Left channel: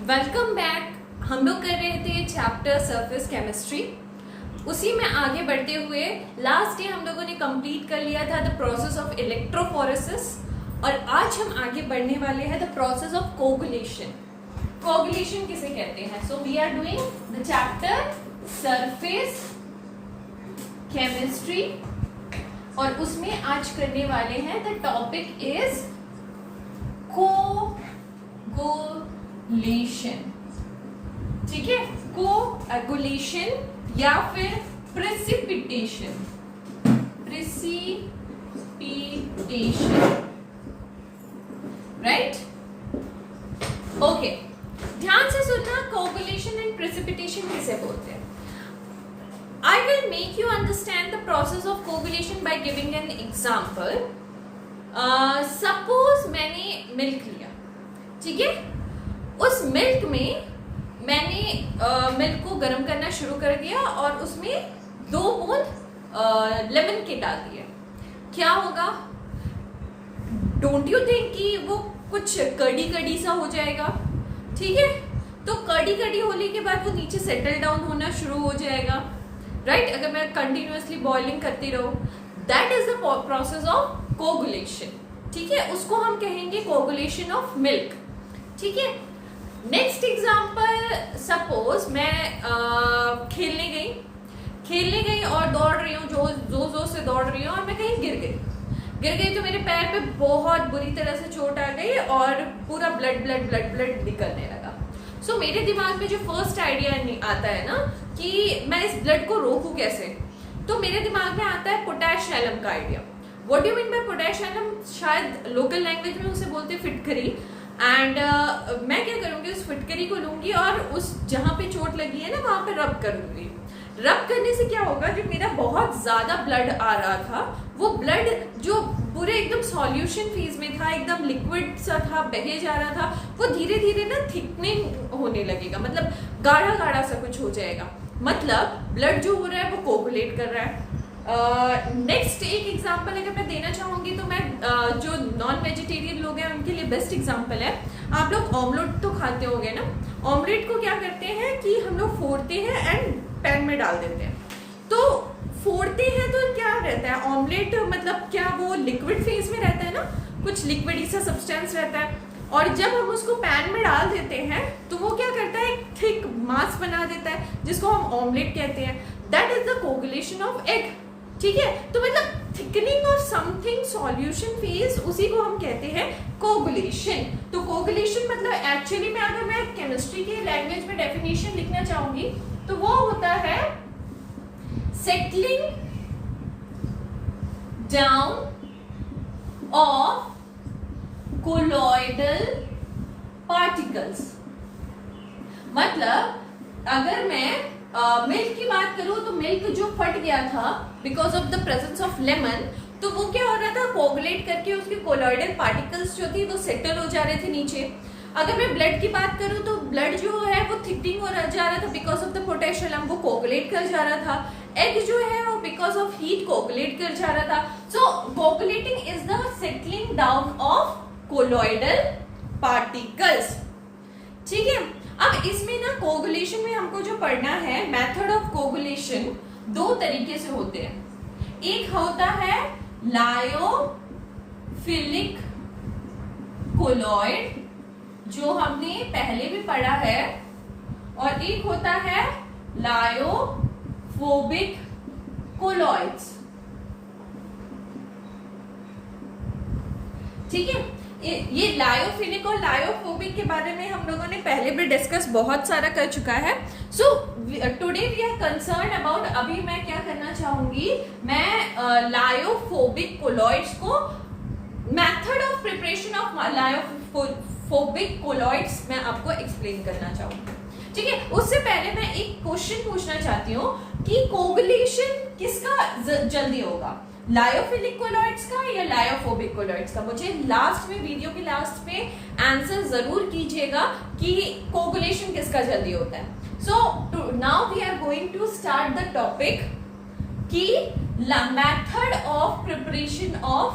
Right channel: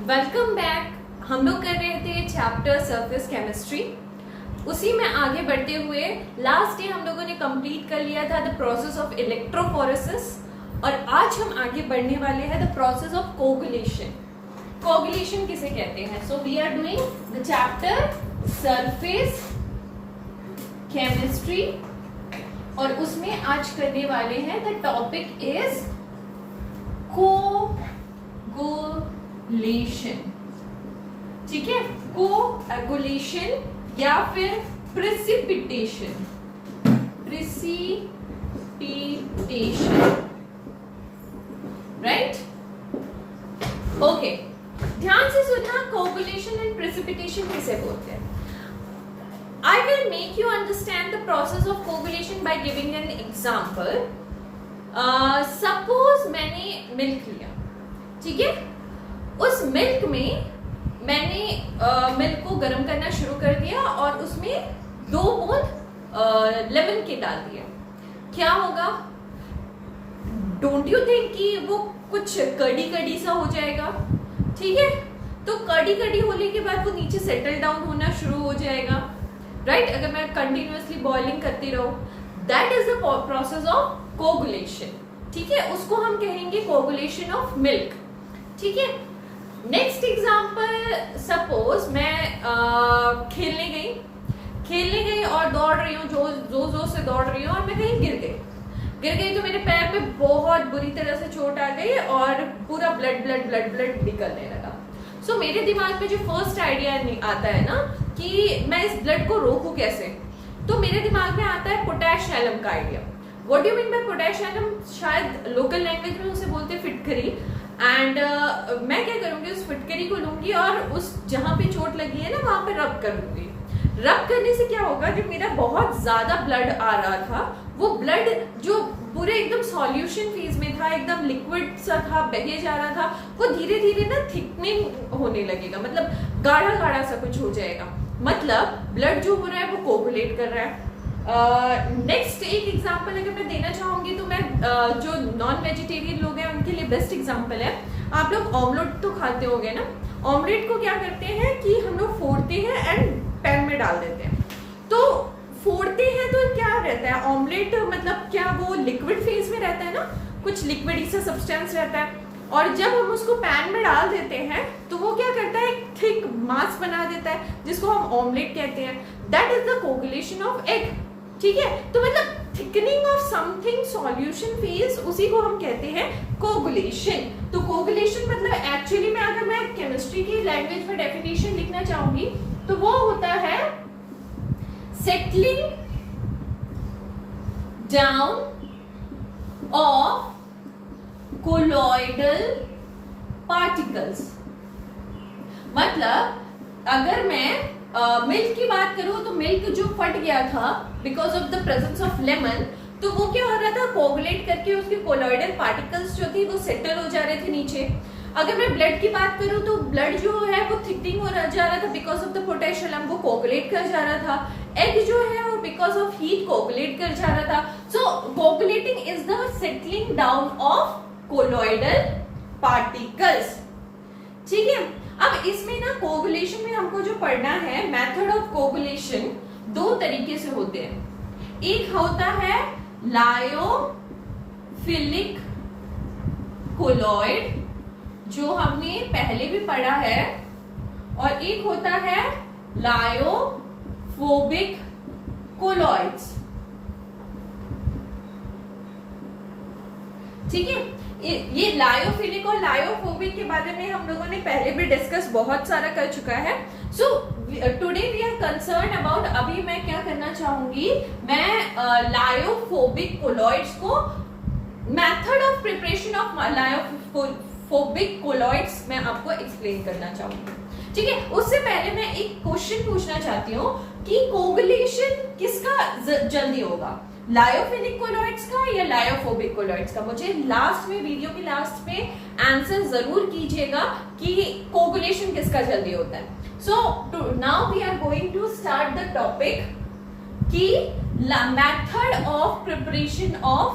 Welcome back. हम लोग कर रहे थे चैप्टर सरफेस केमिस्ट्री। उसी में आगे बढ़ते हुए लास्ट डे हम लोगों ने कंप्लीट कर लिया था द प्रोसेस ऑफ इलेक्ट्रोफोरेसिस, और आज हम आगे बढ़ने वाले हैं the process of coagulation. Coagulation किसे कहते हैं? So we are doing the chapter surface chemistry, और उसमें आज करने वाले हैं द टॉपिक इज कोगुलेशन। ठीक है, कोगुलेशन या फिर प्रेसिपिटेशन। राइट? ओके, ध्यान से सुनना, कोगुलेशन एंड प्रेसिपिटेशन किसे बोलते हैं? I will make you understand the process of coagulation by giving an example. Suppose मैंने मिल्क लिया, ठीक है? उस मिल्क में मैंने मिल्क को गर्म करना शुरू कर दिया और उसमें 2 बूंद लेमन के डाल दिए। क्या होगा? डोंट यू थिंक कि वो कुछ कड़ी कड़ी सा हो जाएगा? ठीक है, तो कड़ी कड़ी होने के बाद वो नीचे सेटल डाउन होना शुरू हो जाएगा। राइट? अगर मैं कंटिन्यूअसली बॉइलिंग करती रहूं, that is the process of coagulation. ठीक है, उसको हम कहेंगे कोगुलेशन ऑफ मिल्क। ठीक है, नेक्स्ट एग्जांपल, सपोज मैं खेलने गई और दौड़ रही हूँ, जोर से दौड़ रही हूँ और मैं कहीं गिर गई तो मेरे पैर पे बहुत बुरी तरह से चोट आ गई और पूरा ब्लड निकलने लगा। सो मेरे दिमाग में जो फर्स्ट आइडिया आता है ना कि मैं इस ब्लड को रोकूं कैसे, तो मेरे दिमाग में आता है पोटैश एलम का idea. What do you mean by potash alum? शायद लोकल लैंग्वेज में उसे बोलते हैं फिटकरी। एंड मैं क्या करूंगी, उस फिटकरी को लूंगी और उस जहां पे चोट लगी है ना वहां पे रब करूंगी। रब करने से क्या होगा, जो मेरा बहुत ज्यादा ब्लड आ रहा था, वो ब्लड जो पूरे एकदम सॉल्यूशन फेज में था, एकदम लिक्विड सा था, बहे जा रहा था, वो धीरे धीरे ना थिकनिंग होने लगेगा, मतलब गाढ़ा गाढ़ा सा कुछ हो जाएगा। मतलब ब्लड जो हो रहा है वो कोगुलेट कर रहा है। नेक्स्ट एक एग्जांपल अगर मैं देना चाहूंगी तो मैं जो नॉन वेजिटेरियन लोग हैं उनके लिए बेस्ट एग्जांपल है। आप लोग ऑमलेट तो खाते होंगे ना? ऑमलेट को क्या करते हैं कि हम लोग फोड़ते हैं एंड पैन में डाल देते हैं। तो फोड़ते हैं तो क्या रहता है ऑमलेट, मतलब क्या वो लिक्विड फेज में रहता है ना, कुछ लिक्विड सा सब्सटेंस रहता है, और जब हम उसको पैन में डाल देते हैं तो वो क्या करता है, एक थिक मास बना देता है जिसको हम ऑमलेट कहते हैं। That is the coagulation of egg. ठीक है, तो मतलब thickening of something solution phase, उसी को हम कहते हैं कोगुलेशन। तो कोगुलेशन मतलब एक्चुअली में अगर मैं केमिस्ट्री की लैंग्वेज में डेफिनेशन लिखना चाहूंगी तो वो होता है settling down of colloidal particles. मतलब अगर मैं मिल्क की बात करूं तो मिल्क जो फट गया था because of the presence of lemon, तो वो क्या हो रहा था, कोगुलेट करके उसके कोलॉइडल पार्टिकल्स जो थे वो सेटल हो जा रहे थे नीचे। अगर मैं ब्लड की बात करूं तो ब्लड जो है वो थिकनिंग हो जा रहा था बिकॉज ऑफ द पोटेशियम, वो कोगुलेट कर जा रहा था। एग जो है वो बिकॉज ऑफ हीट कोगुलेट कर जा रहा था। So coagulating is the settling down of colloidal particles. ठीक है, अब इसमें ना कोगुलेशन में हमको जो पढ़ना है, मेथड ऑफ कोगुलेशन 2 तरीके से होते हैं। एक होता है लायोफिलिक कोलॉइड, जो हमने पहले भी पढ़ा है, और एक होता है लायोफोबिक कोलॉइड्स। ठीक है, ये लायोफिलिक और लायोफोबिक के बारे में हम लोगों ने पहले भी डिस्कस बहुत सारा कर चुका है। So today we are concern about, अभी मैं क्या करना चाहूंगी, मैं लायोफोबिक कोलॉइड्स को, method of preparation of lyophobic colloids मैं आपको एक्सप्लेन करना चाहूंगी। ठीक है, उससे पहले मैं एक क्वेश्चन पूछना चाहती हूँ कि कोगुलेशन किसका जल्दी होगा, लायोफिलिक कोलॉइड्स का या लायोफोबिक कोलॉइड्स का? मुझे लास्ट में, वीडियो के लास्ट में आंसर जरूर कीजिएगा कि कोगुलेशन किसका जल्दी होता है। So now we are going to start the topic कि method of preparation of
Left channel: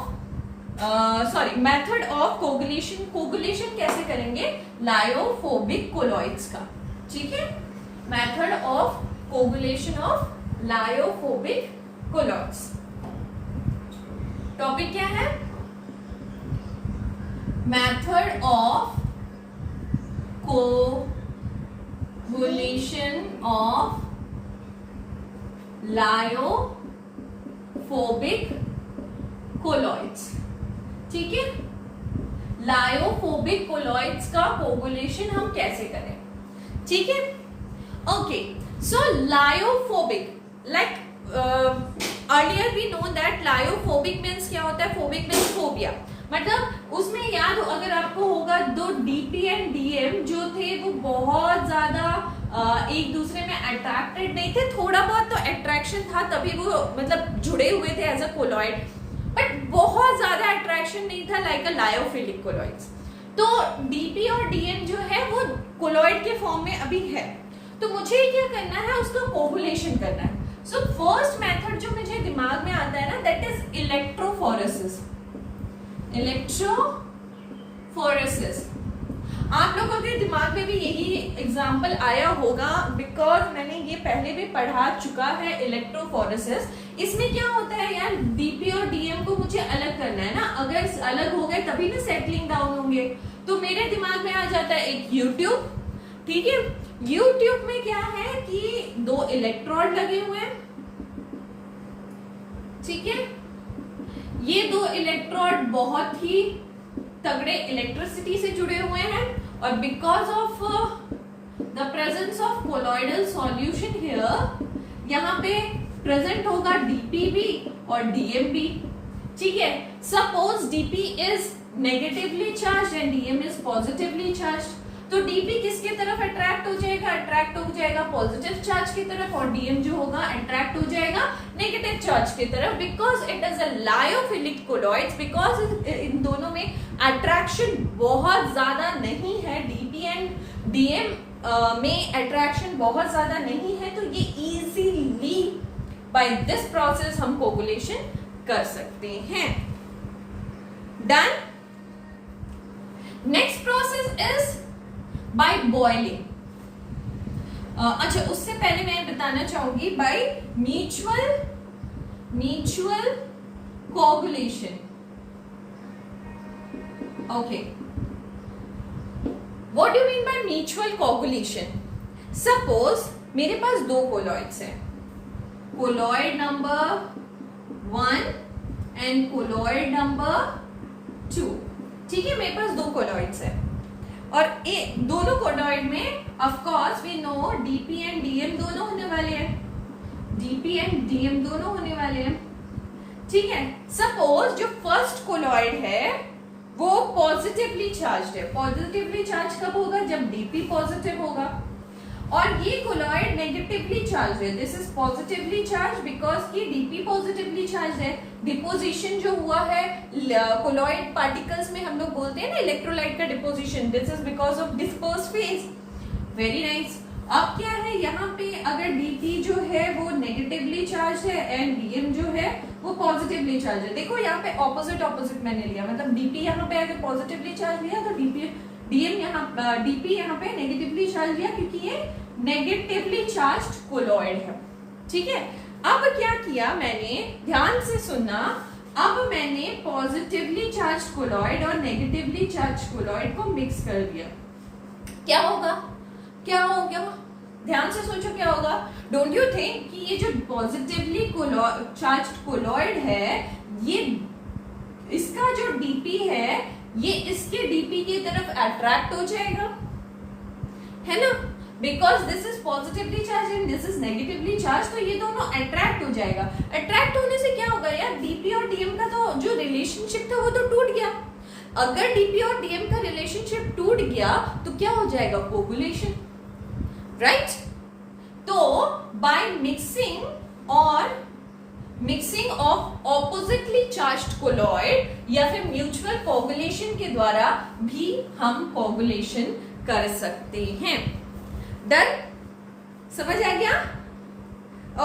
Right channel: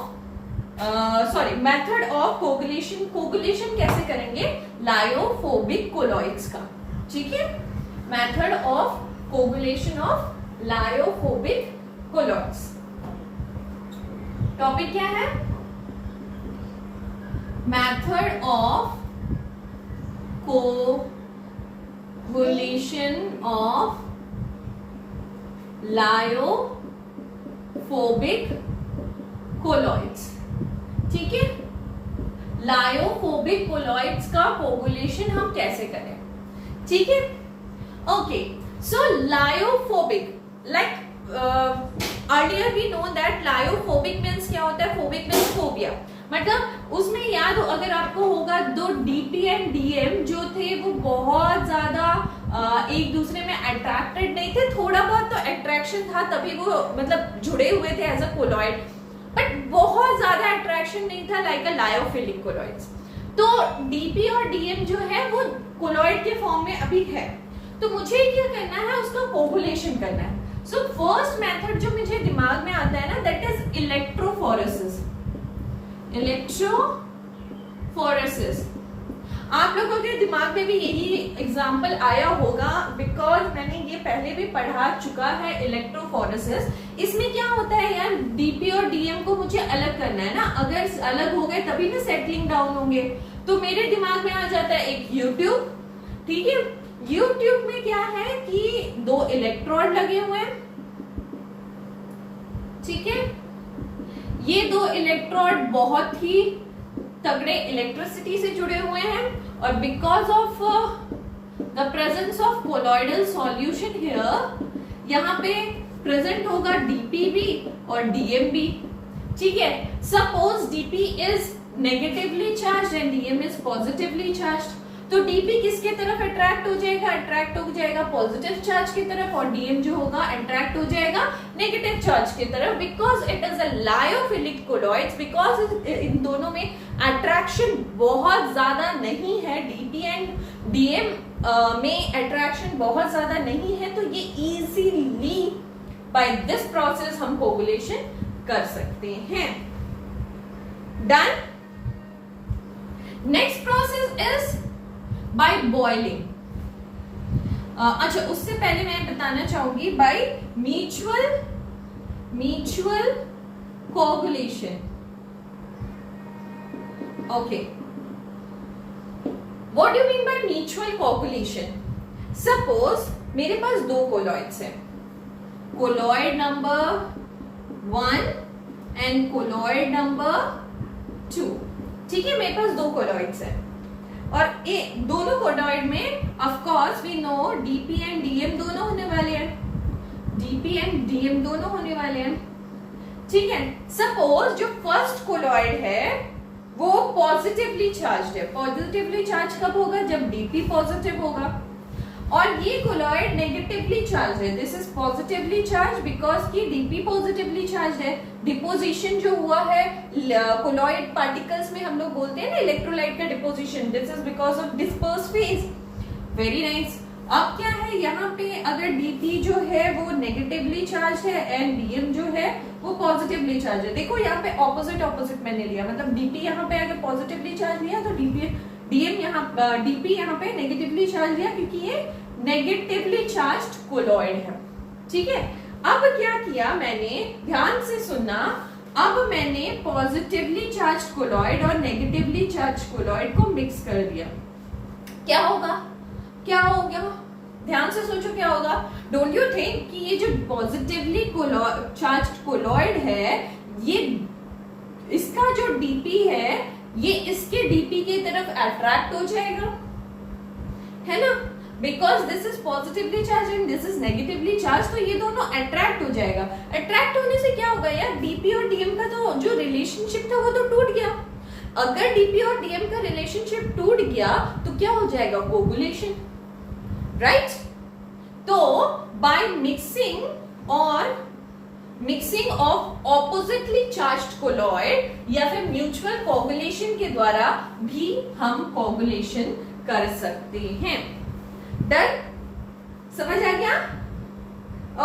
sorry, method of coagulation, coagulation कैसे करेंगे लायोफोबिक कोलॉइड्स का, ठीक है, method of coagulation of lyophobic colloids. Topic क्या है, method of coagulation of lyophobic colloids, ठीक है, लायोफोबिक कोलॉइड्स का कोगुलेशन हम कैसे करें, ठीक है, okay. So lyophobic, like earlier we know that lyophobic means क्या होता है, फोबिक मीन्स फोबिया, मतलब उसमें याद हो अगर आपको होगा, दो डीपी एंड डीएम जो थे वो बहुत ज्यादा एक दूसरे में अट्रैक्टेड नहीं थे, थोड़ा बहुत तो अट्रैक्शन था तभी वो मतलब जुड़े हुए थे एज अ कोलॉइड, बट बहुत ज्यादा अट्रैक्शन नहीं था लाइक अ लायोफिलिक कोलॉइड्स। तो डीपी और डीएम जो है वो कोलॉइड के फॉर्म में अभी है, तो मुझे क्या करना है, उसका कोगुलेशन करना है। सो फर्स्ट मेथड जो मुझे दिमाग में आता है ना, दैट इज इलेक्ट्रोफोरेसिस। इलेक्ट्रोफोरेसिस आप लोगों के दिमाग में भी यही एग्जाम्पल आया होगा, बिकॉज मैंने ये पहले भी पढ़ा चुका है इलेक्ट्रोफोरेसिस। इसमें क्या होता है यार, डीपी और डीएम को मुझे अलग करना है ना, अगर अलग हो गए तभी ना सेटलिंग डाउन होंगे, तो मेरे दिमाग में आ जाता है एक यूट्यूब, ठीक है, यूट्यूब में क्या है कि दो इलेक्ट्रोड लगे हुए हैं, ठीक है, ये दो इलेक्ट्रोड बहुत ही तगड़े इलेक्ट्रिसिटी से जुड़े हुए हैं, और because of the presence of colloidal solution here, यहाँ पे प्रेजेंट होगा डीपी भी और डीएम भी, ठीक है। Suppose DP is negatively charge and DM is positively charge, तो डीपी किसके तरफ अट्रैक्ट हो जाएगा, अट्रैक्ट हो जाएगा पॉजिटिव चार्ज की तरफ, और डीएम जो होगा अट्रैक्ट हो जाएगा नेगेटिव चार्ज की तरफ, because it is a lyophilic colloids, because in दोनों में अट्रैक्शन बहुत ज्यादा नहीं है, डीपी एंड डीएम में अट्रैक्शन बहुत ज्यादा नहीं है, तो ये इजीली बाय दिस प्रोसेस हम कोगुलेशन कर सकते हैं। Done. Next process is by boiling. अच्छा, उससे पहले मैं बताना चाहूंगी by mutual coagulation. Okay, what do you mean by mutual coagulation? Suppose मेरे पास दो कोलॉइड्स हैं, colloid number 1 and colloid number 2, ठीक है, मेरे पास दो कोलॉइड्स हैं, और ये दोनों कोलॉइड में of course we know DP and DM दोनों होने वाले हैं, डीपी एंड डीएम दोनों होने वाले हैं, ठीक है। सपोज जो फर्स्ट कोलॉइड है वो पॉजिटिवली चार्ज है, पॉजिटिवली चार्ज कब होगा, जब डीपी पॉजिटिव होगा, और ये कोलॉइड नेगेटिवली चार्ज है, this is positively charge because की डीपी पॉजिटिवली चार्ज है। डिपोजिशन जो हुआ है कोलॉइड पार्टिकल्स में, हम लोग बोलते हैं ना इलेक्ट्रोलाइट का deposition, this is because of disperse phase. Very nice. अब क्या है, यहाँ पे अगर डीपी जो है वो नेगेटिवली चार्ज है एंड डीएम जो है वो पॉजिटिवली चार्ज है, देखो यहाँ पे ऑपोजिट ऑपोजिट मैंने लिया, मतलब डीपी यहाँ पे अगर पॉजिटिवली चार्ज लिया तो डीएम यहाँ डीपी यहाँ पे नेगेटिवली चार्ज लिया, क्योंकि ये नेगेटिवली चार्ज्ड कोलॉइड है, ठीक है। अब क्या किया मैंने, ध्यान से सुनना, अब मैंने पॉजिटिवली चार्ज्ड कोलॉइड और नेगेटिवली चार्ज्ड कोलॉइड को मिक्स कर दिया, क्या होगा, क्या होगा, ध्यान से सोचो क्या होगा। डोंट यू थिंक कि ये जो पॉजिटिवली चार्ज्ड कोलॉइड है, ये इसका जो डीपी है ये इसके डीपी की तरफ अट्रैक्ट हो जाएगा, है ना, because this is positively charge and this is negatively charge, तो ये दोनों अट्रैक्ट हो जाएगा। अट्रैक्ट होने से क्या होगा यार, डीपी और डीएम का तो जो रिलेशनशिप था वो तो टूट गया। अगर डीपी और डीएम का रिलेशनशिप टूट गया तो क्या हो जाएगा, कोगुलेशन, राइट। तो by mixing of oppositely charged colloid या फिर म्यूचुअल कोगुलेशन के द्वारा भी हम कोगुलेशन कर सकते हैं। डन, समझ आ गया?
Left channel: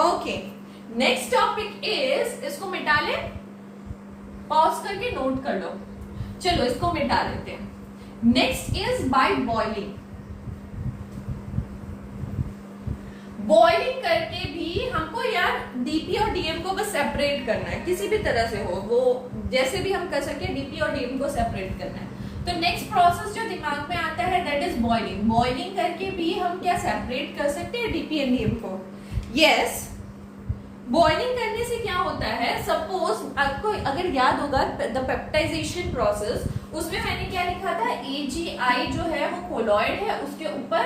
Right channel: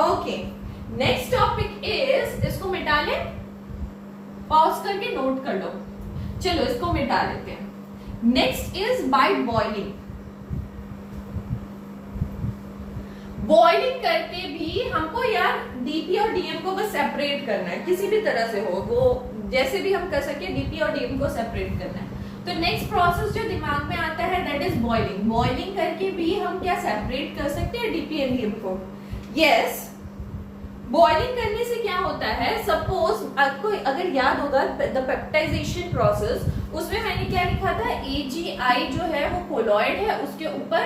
ओके, नेक्स्ट टॉपिक इज, इसको मिटा लें, पॉज करके नोट कर लो। चलो इसको मिटा देते हैं। Next is by boiling. Boiling करके भी हमको यार डीपी और डीएम को बस सेपरेट करना है, किसी भी तरह से हो, वो जैसे भी हम कर सके डीपी और डीएम को सेपरेट करना है। तो नेक्स्ट प्रोसेस जो दिमाग में आता है दैट इज बॉइलिंग। बॉइलिंग करके भी हम क्या सेपरेट कर सकते हैं डीपी एंड डीएम को? यस, बॉइलिंग करने से क्या होता है, सपोज आपको अगर याद होगा द पेप्टाइजेशन प्रोसेस, उसमें मैंने क्या लिखा था, AgI जो है वो कोलॉइड है, उसके ऊपर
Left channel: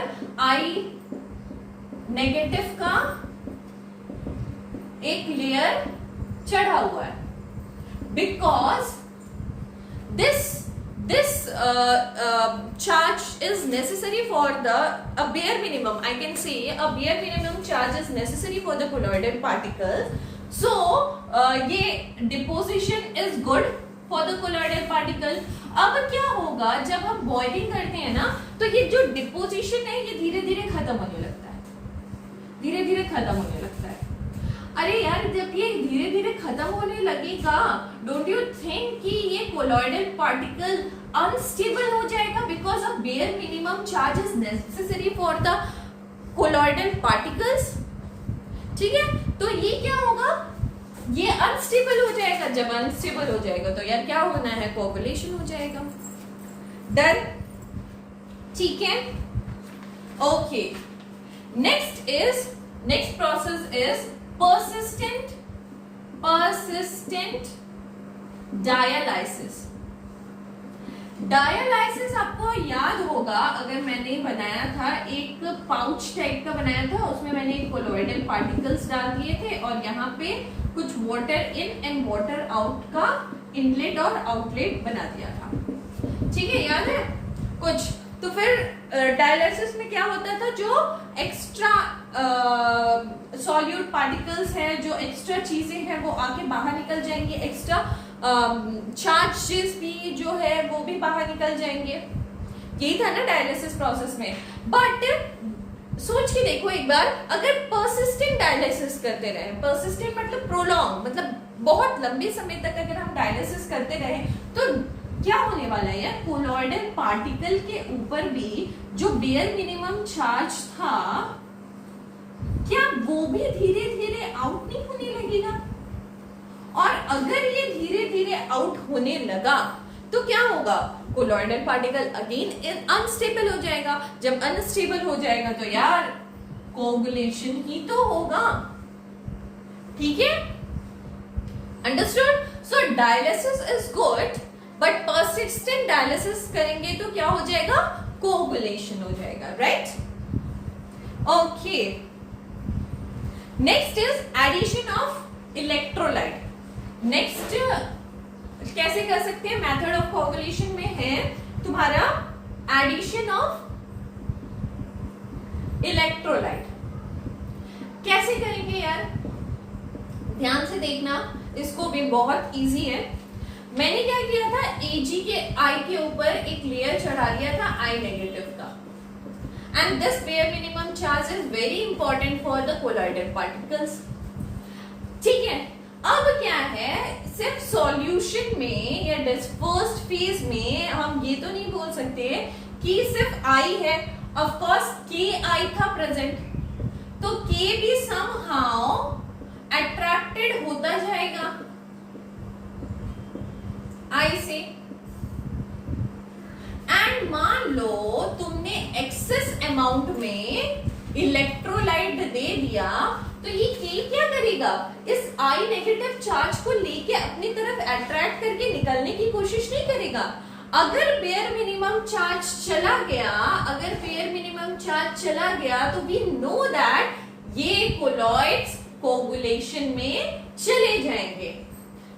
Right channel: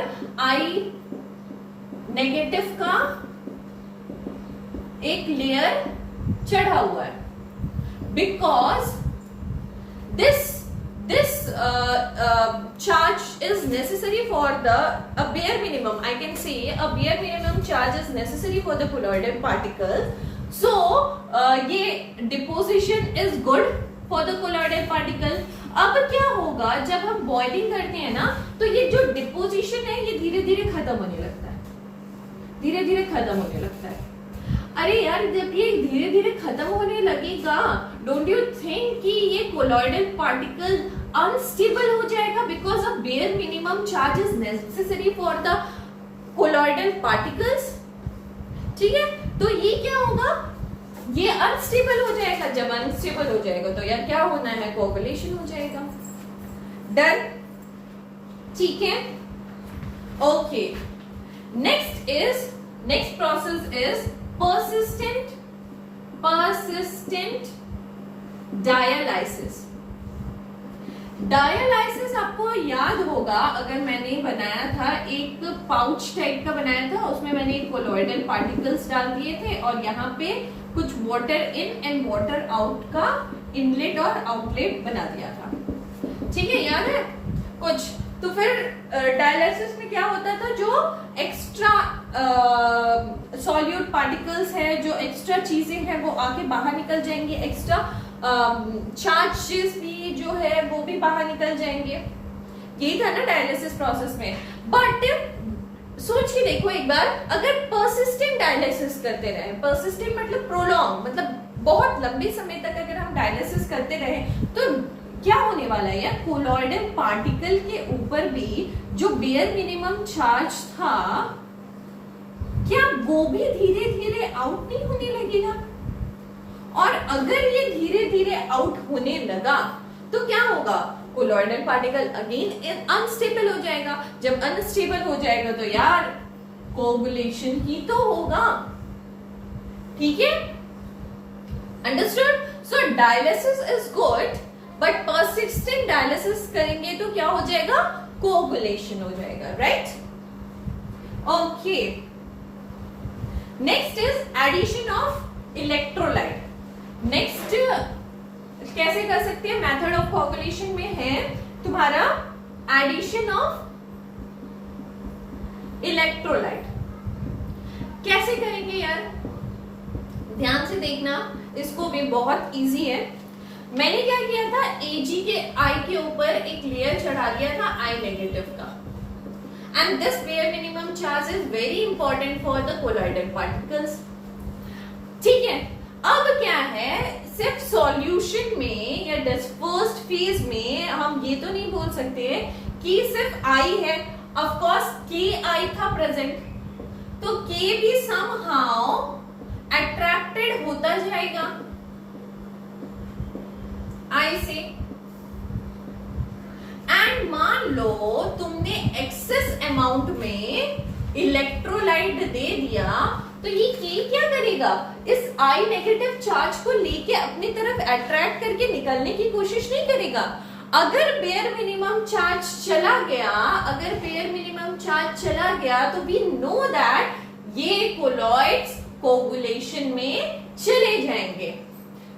I नेगेटिव का एक लेयर चढ़ा हुआ है, because this charge is necessary for the a bare minimum, I can say a bare minimum charge is necessary for the colloidal particles. So ये deposition is good for the colloidal particle. अब क्या होगा जब हम boiling करते हैं ना, तो ये जो डिपोजिशन है ये धीरे धीरे खत्म होने लगता है, धीरे धीरे खत्म होने लगता है। अरे यार जब ये धीरे धीरे खत्म होने लगेगा, डोंट यू थिंक कि ये कोलॉइडल पार्टिकल अनस्टेबल हो जाएगा, because a bare minimum charge is necessary for the colloidal particles. ठीक है, तो ये क्या होगा, ये अनस्टेबल हो जाएगा। जब अनस्टेबल हो जाएगा तो यार क्या होना है, कोगुलेशन हो जाएगा। डन, ठीक है, okay. Next process is persistent dialysis। Dialysis आपको याद होगा, अगर मैंने बनाया था एक पाउच टाइप का बनाया था, उसमें मैंने कोलॉइडल पार्टिकल्स डाल दिए थे और यहाँ पे कुछ water in and water out का इनलेट और आउटलेट बना दिया था। ठीक है, याद है कुछ? तो फिर डायलाइसिस में क्या होता था, जो एक्स्ट्रा सॉल्यूट पार्टिकल्स है, जो एक्स्ट्रा चीजें हैं वो आके बाहर निकल जाएंगी, एक्स्ट्रा चार्जेस भी जो है वो भी बाहर निकल जाएंगे। यही था ना डायलिसिस प्रोसेस में। बट सोच के देखो एक बार, अगर परसिस्टेंट डायलिसिस करते रहे, परसिस्टेंट मतलब प्रोलॉन्ग, मतलब बहुत लंबे समय तक अगर हम डायलिसिस करते रहे, तो क्या होने वाला है यार, कोलॉइडल पार्टिकल के ऊपर भी जो बेयर मिनिमम चार्ज था, क्या वो भी धीरे धीरे आउट नहीं होने लगेगा? और अगर ये धीरे धीरे आउट होने लगा तो क्या होगा, कोलॉइडल पार्टिकल अगेन अनस्टेबल हो जाएगा। जब अनस्टेबल हो जाएगा तो यार कोगुलेशन ही तो होगा। ठीक है, understood? So dialysis is good, but persistent dialysis करेंगे तो क्या हो जाएगा, कोगुलेशन हो जाएगा, right? Okay, next is addition of electrolyte. Next कैसे कर सकते हैं, मेथड ऑफ कोगुलेशन में है तुम्हारा एडिशन ऑफ इलेक्ट्रोलाइट। कैसे करेंगे यार, ध्यान से देखना, इसको भी बहुत इजी है। मैंने क्या किया था, Ag के I के ऊपर एक लेयर चढ़ा दिया था I नेगेटिव का, and this bare minimum charge is very important for the colloidal particles. ठीक है, अब क्या है, सिर्फ सॉल्यूशन में या डिस्पर्स्ड फेज में हम ये तो नहीं बोल सकते कि सिर्फ I है। ऑफ कोर्स Ki था प्रेजेंट, तो K भी समहाउ अट्रैक्टेड होता जाएगा I से। एंड मान लो तुमने एक्सेस अमाउंट में इलेक्ट्रोलाइट दे दिया, तो ये K क्या करेगा, इस I नेगेटिव चार्ज को लेके अपनी तरफ अट्रैक्ट करके निकलने की कोशिश नहीं करेगा। अगर बेयर मिनिमम चार्ज चला गया, अगर बेयर मिनिमम चार्ज चला गया, तो वी नो दैट ये कोलॉइड्स कोगुलेशन में चले जाएंगे,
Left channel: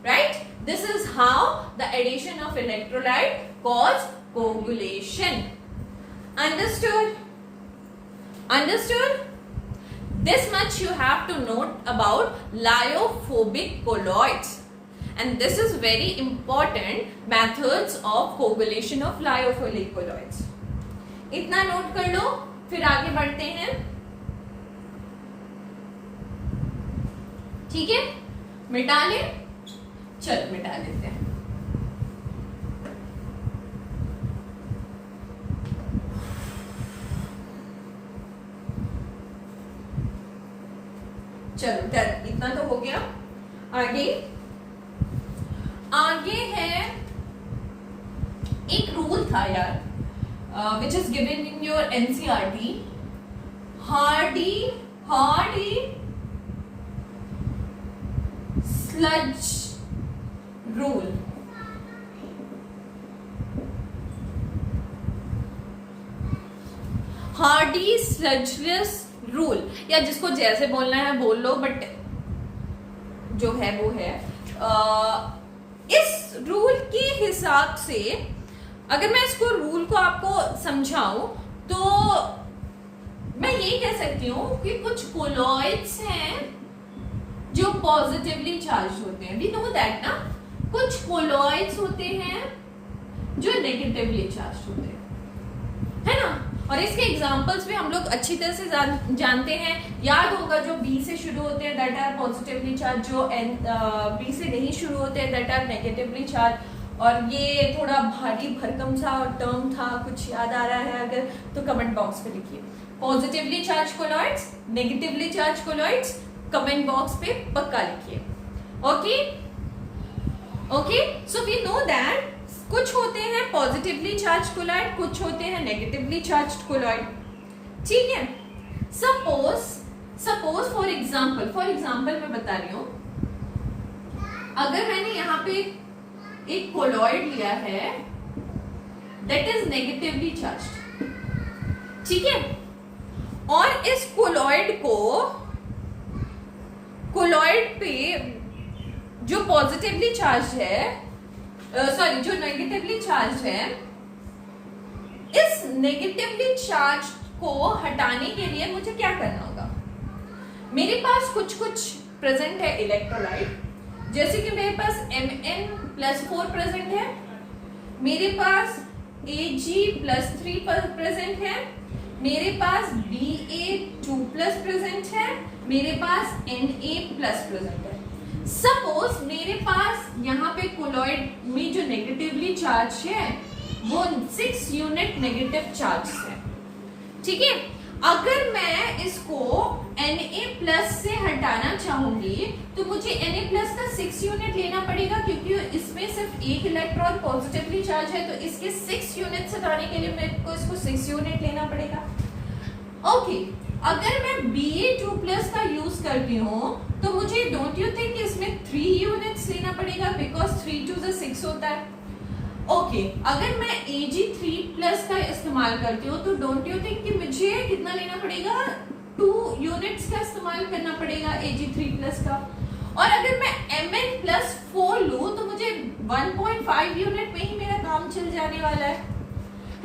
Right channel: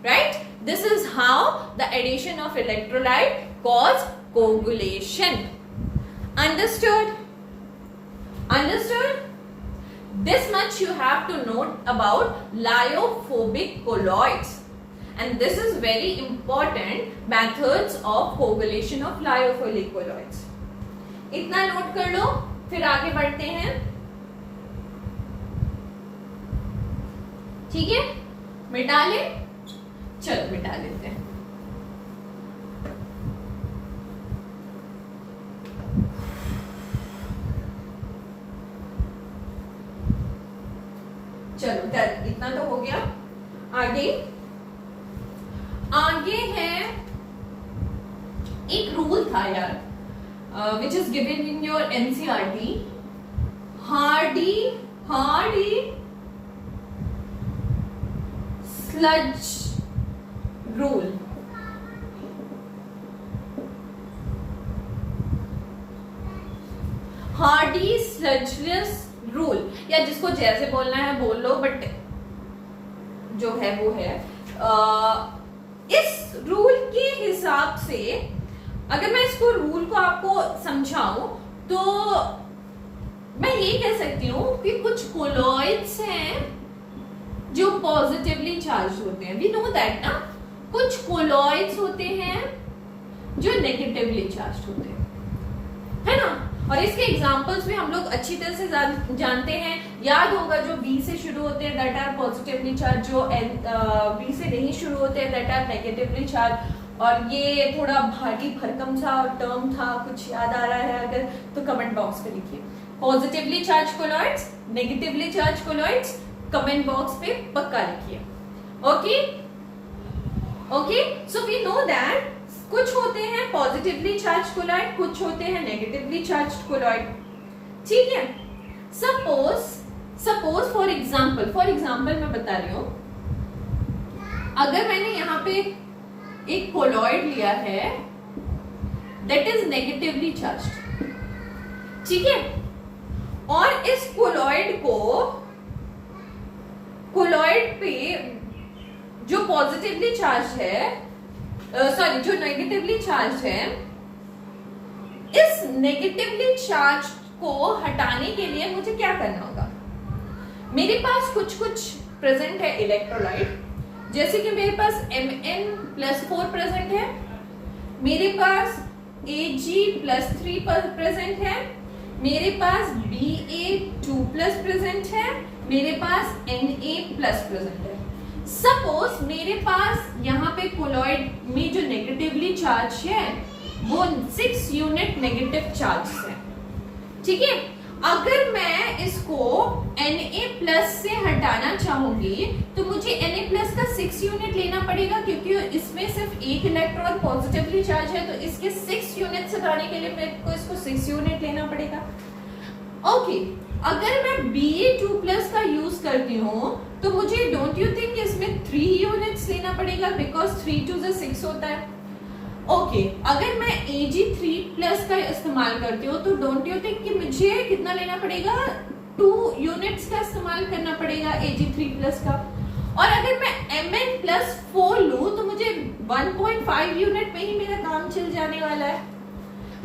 right? This is how the addition of electrolyte cause coagulation. Understood? Understood? This much you have to note about lyophobic colloids, and this is very important methods of coagulation of lyophilic colloids. इतना note कर लो, फिर आगे बढ़ते हैं। ठीक है, मिटा ले। चलो मिटा देते हैं। चलो डन, इतना तो हो गया। आगे आगे है एक रूल था यार, which is given in your NCERT, hardy sludge rule। Hardy Schulze rule, या जिसको जैसे बोलना है बोल लो, बट जो है वो है। इस रूल के हिसाब से अगर मैं इसको रूल को आपको समझाऊं तो मैं ये कह सकती हूँ कि कुछ कोलॉइड्स हैं जो पॉजिटिवली चार्ज होते हैं। वी नो दैट ना, कुछ कोलॉइड्स होते हैं जो नेगेटिवली चार्ज होते हैं, है ना। और इसके एग्जांपल्स भी हम लोग अच्छी तरह से जानते हैं। याद होगा जो बी से शुरू होते हैं दैट आर पॉजिटिवली चार्ज, जो बी से नहीं शुरू होते हैं दैट आर नेगेटिवली चार्ज। और ये थोड़ा भारी भरकम सा टर्म था, कुछ याद आ रहा है अगर तो कमेंट बॉक्स पे लिखिए। Positively charge colloids, negatively charge colloids, comment box पे पक्का लिखिए। Okay okay, so we know that कुछ होते हैं पॉजिटिवली चार्ज कोलॉइड, कुछ होते हैं नेगेटिवली चार्ज कोलॉइड, ठीक है। सपोज फॉर एग्जाम्पल मैं बता रही हूं, अगर मैंने यहाँ पे एक कोलॉइड लिया है दैट इज नेगेटिवली चार्ज्ड, ठीक है, और इस कोलॉइड पे जो पॉजिटिवली चार्ज है, सॉरी जो नेगेटिवली चार्ज है, इस नेगेटिवली चार्ज को हटाने के लिए मुझे क्या करना होगा। मेरे पास कुछ प्रेजेंट है इलेक्ट्रोलाइट, जैसे कि मेरे पास Mn+4 प्रेजेंट है, मेरे पास Ag+3 प्रेजेंट है, मेरे पास Ba2+ प्रेजेंट है, मेरे पास Na+ प्रेजेंट है। सपोज मेरे पास यहाँ पे कोलॉइड में जो नेगेटिवली चार्ज है वो 6 यूनिट नेगेटिव चार्ज है, ठीक है। अगर मैं इसको Na+ से हटाना चाहूंगी तो मुझे Na+ का 6 यूनिट लेना पड़ेगा, क्योंकि इसमें सिर्फ एक इलेक्ट्रॉन पॉजिटिवली चार्ज है, तो इसके 6 यूनिट हटाने के लिए मेरे को इसको 6 यूनिट लेना पड़ेगा। ओके, अगर मैं Ba2+ का यूज करती हूँ तो मुझे डोंट यू थिंक इसमें 3 यूनिट्स लेना पड़ेगा, बिकॉज 3 2 6 होता है। ओके, अगर मैं Ag3+ का इस्तेमाल करती हूँ तो डोंट यू थिंक कि मुझे कितना लेना पड़ेगा, 2 यूनिट्स का इस्तेमाल करना पड़ेगा Ag3+ का। और अगर मैं Mn+4 लूं तो मुझे 1.5 यूनिट में ही मेरा काम चल जाने वाला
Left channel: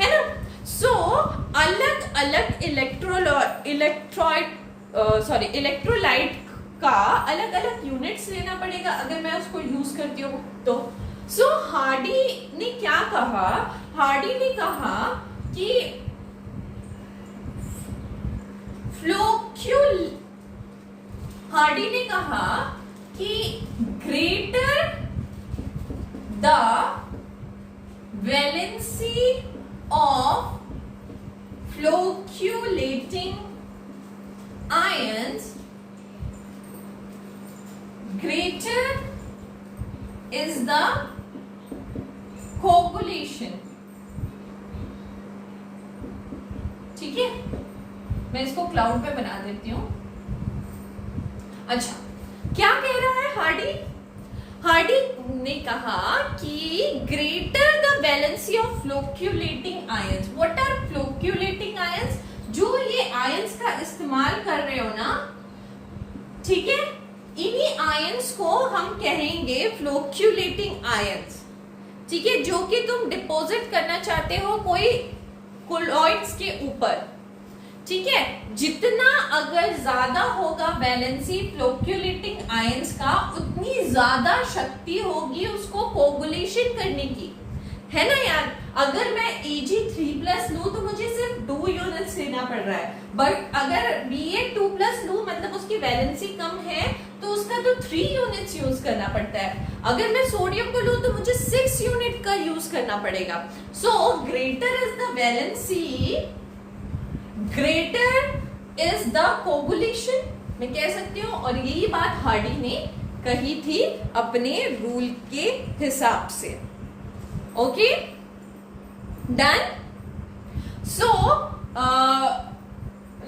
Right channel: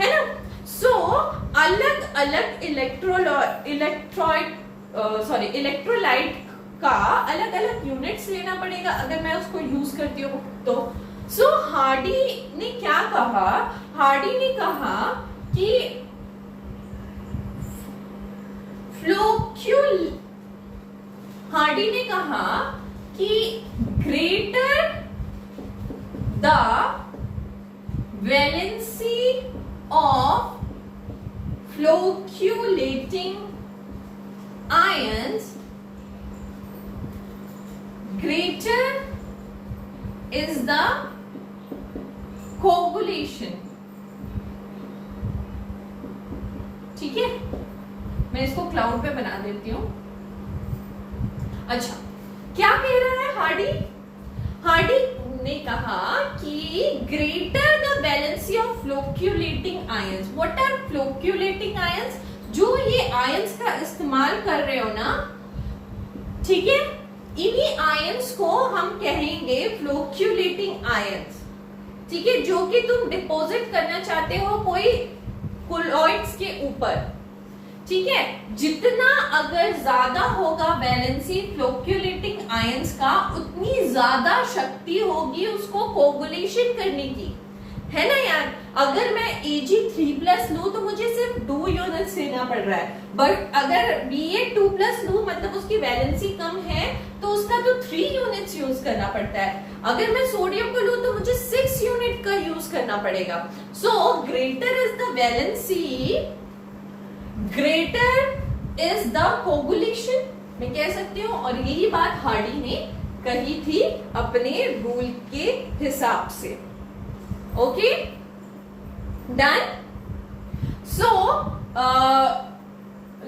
है ना। सो अलग अलग इलेक्ट्रोलाइट का अलग अलग यूनिट्स लेना पड़ेगा अगर मैं उसको यूज करती हूँ तो। सो हार्डी ने क्या कहा, हार्डी ने कहा कि greater the valency of flocculating ions, greater is the coagulation, ठीक है। मैं इसको क्लाउड पे बना देती हूं। अच्छा, क्या कह रहा है हार्डी ने कहा कि greater the valency of flocculating ions. What are flocculating ions? जो ये आयंस का इस्तेमाल कर रहे हो ना, ठीक है, इन्हीं आयंस को हम कहेंगे फ्लोक्यूलेटिंग आयंस, ठीक है, जो कि तुम डिपॉजिट करना चाहते हो कोई कोलॉइड्स के ऊपर, ठीक है। जितना अगर ज्यादा होगा वैलेंसी फ्लोक्यूलेटिंग आयंस का, उतनी ज्यादा शक्ति होगी उसको कोगुलेशन करने की। है ना यार। अगर मैं Ag3+ लूं तो मुझे सिर्फ 2 यूनिट्स लेना पड़ रहा है, बट अगर Ba2+ लूं मतलब उसकी वैलेंसी कम है तो उसका तो 3 यूनिट्स यूज करना पड़ता है। अगर मैं सोडियम को लूं तो मुझे 6 यूनिट का यूज करना पड़ेगा। So greater is the valency, greater is the coagulation, मैं कह सकती हूँ। और यही बात हार्डी ने कही थी अपने रूल के हिसाब से। Okay, done. सो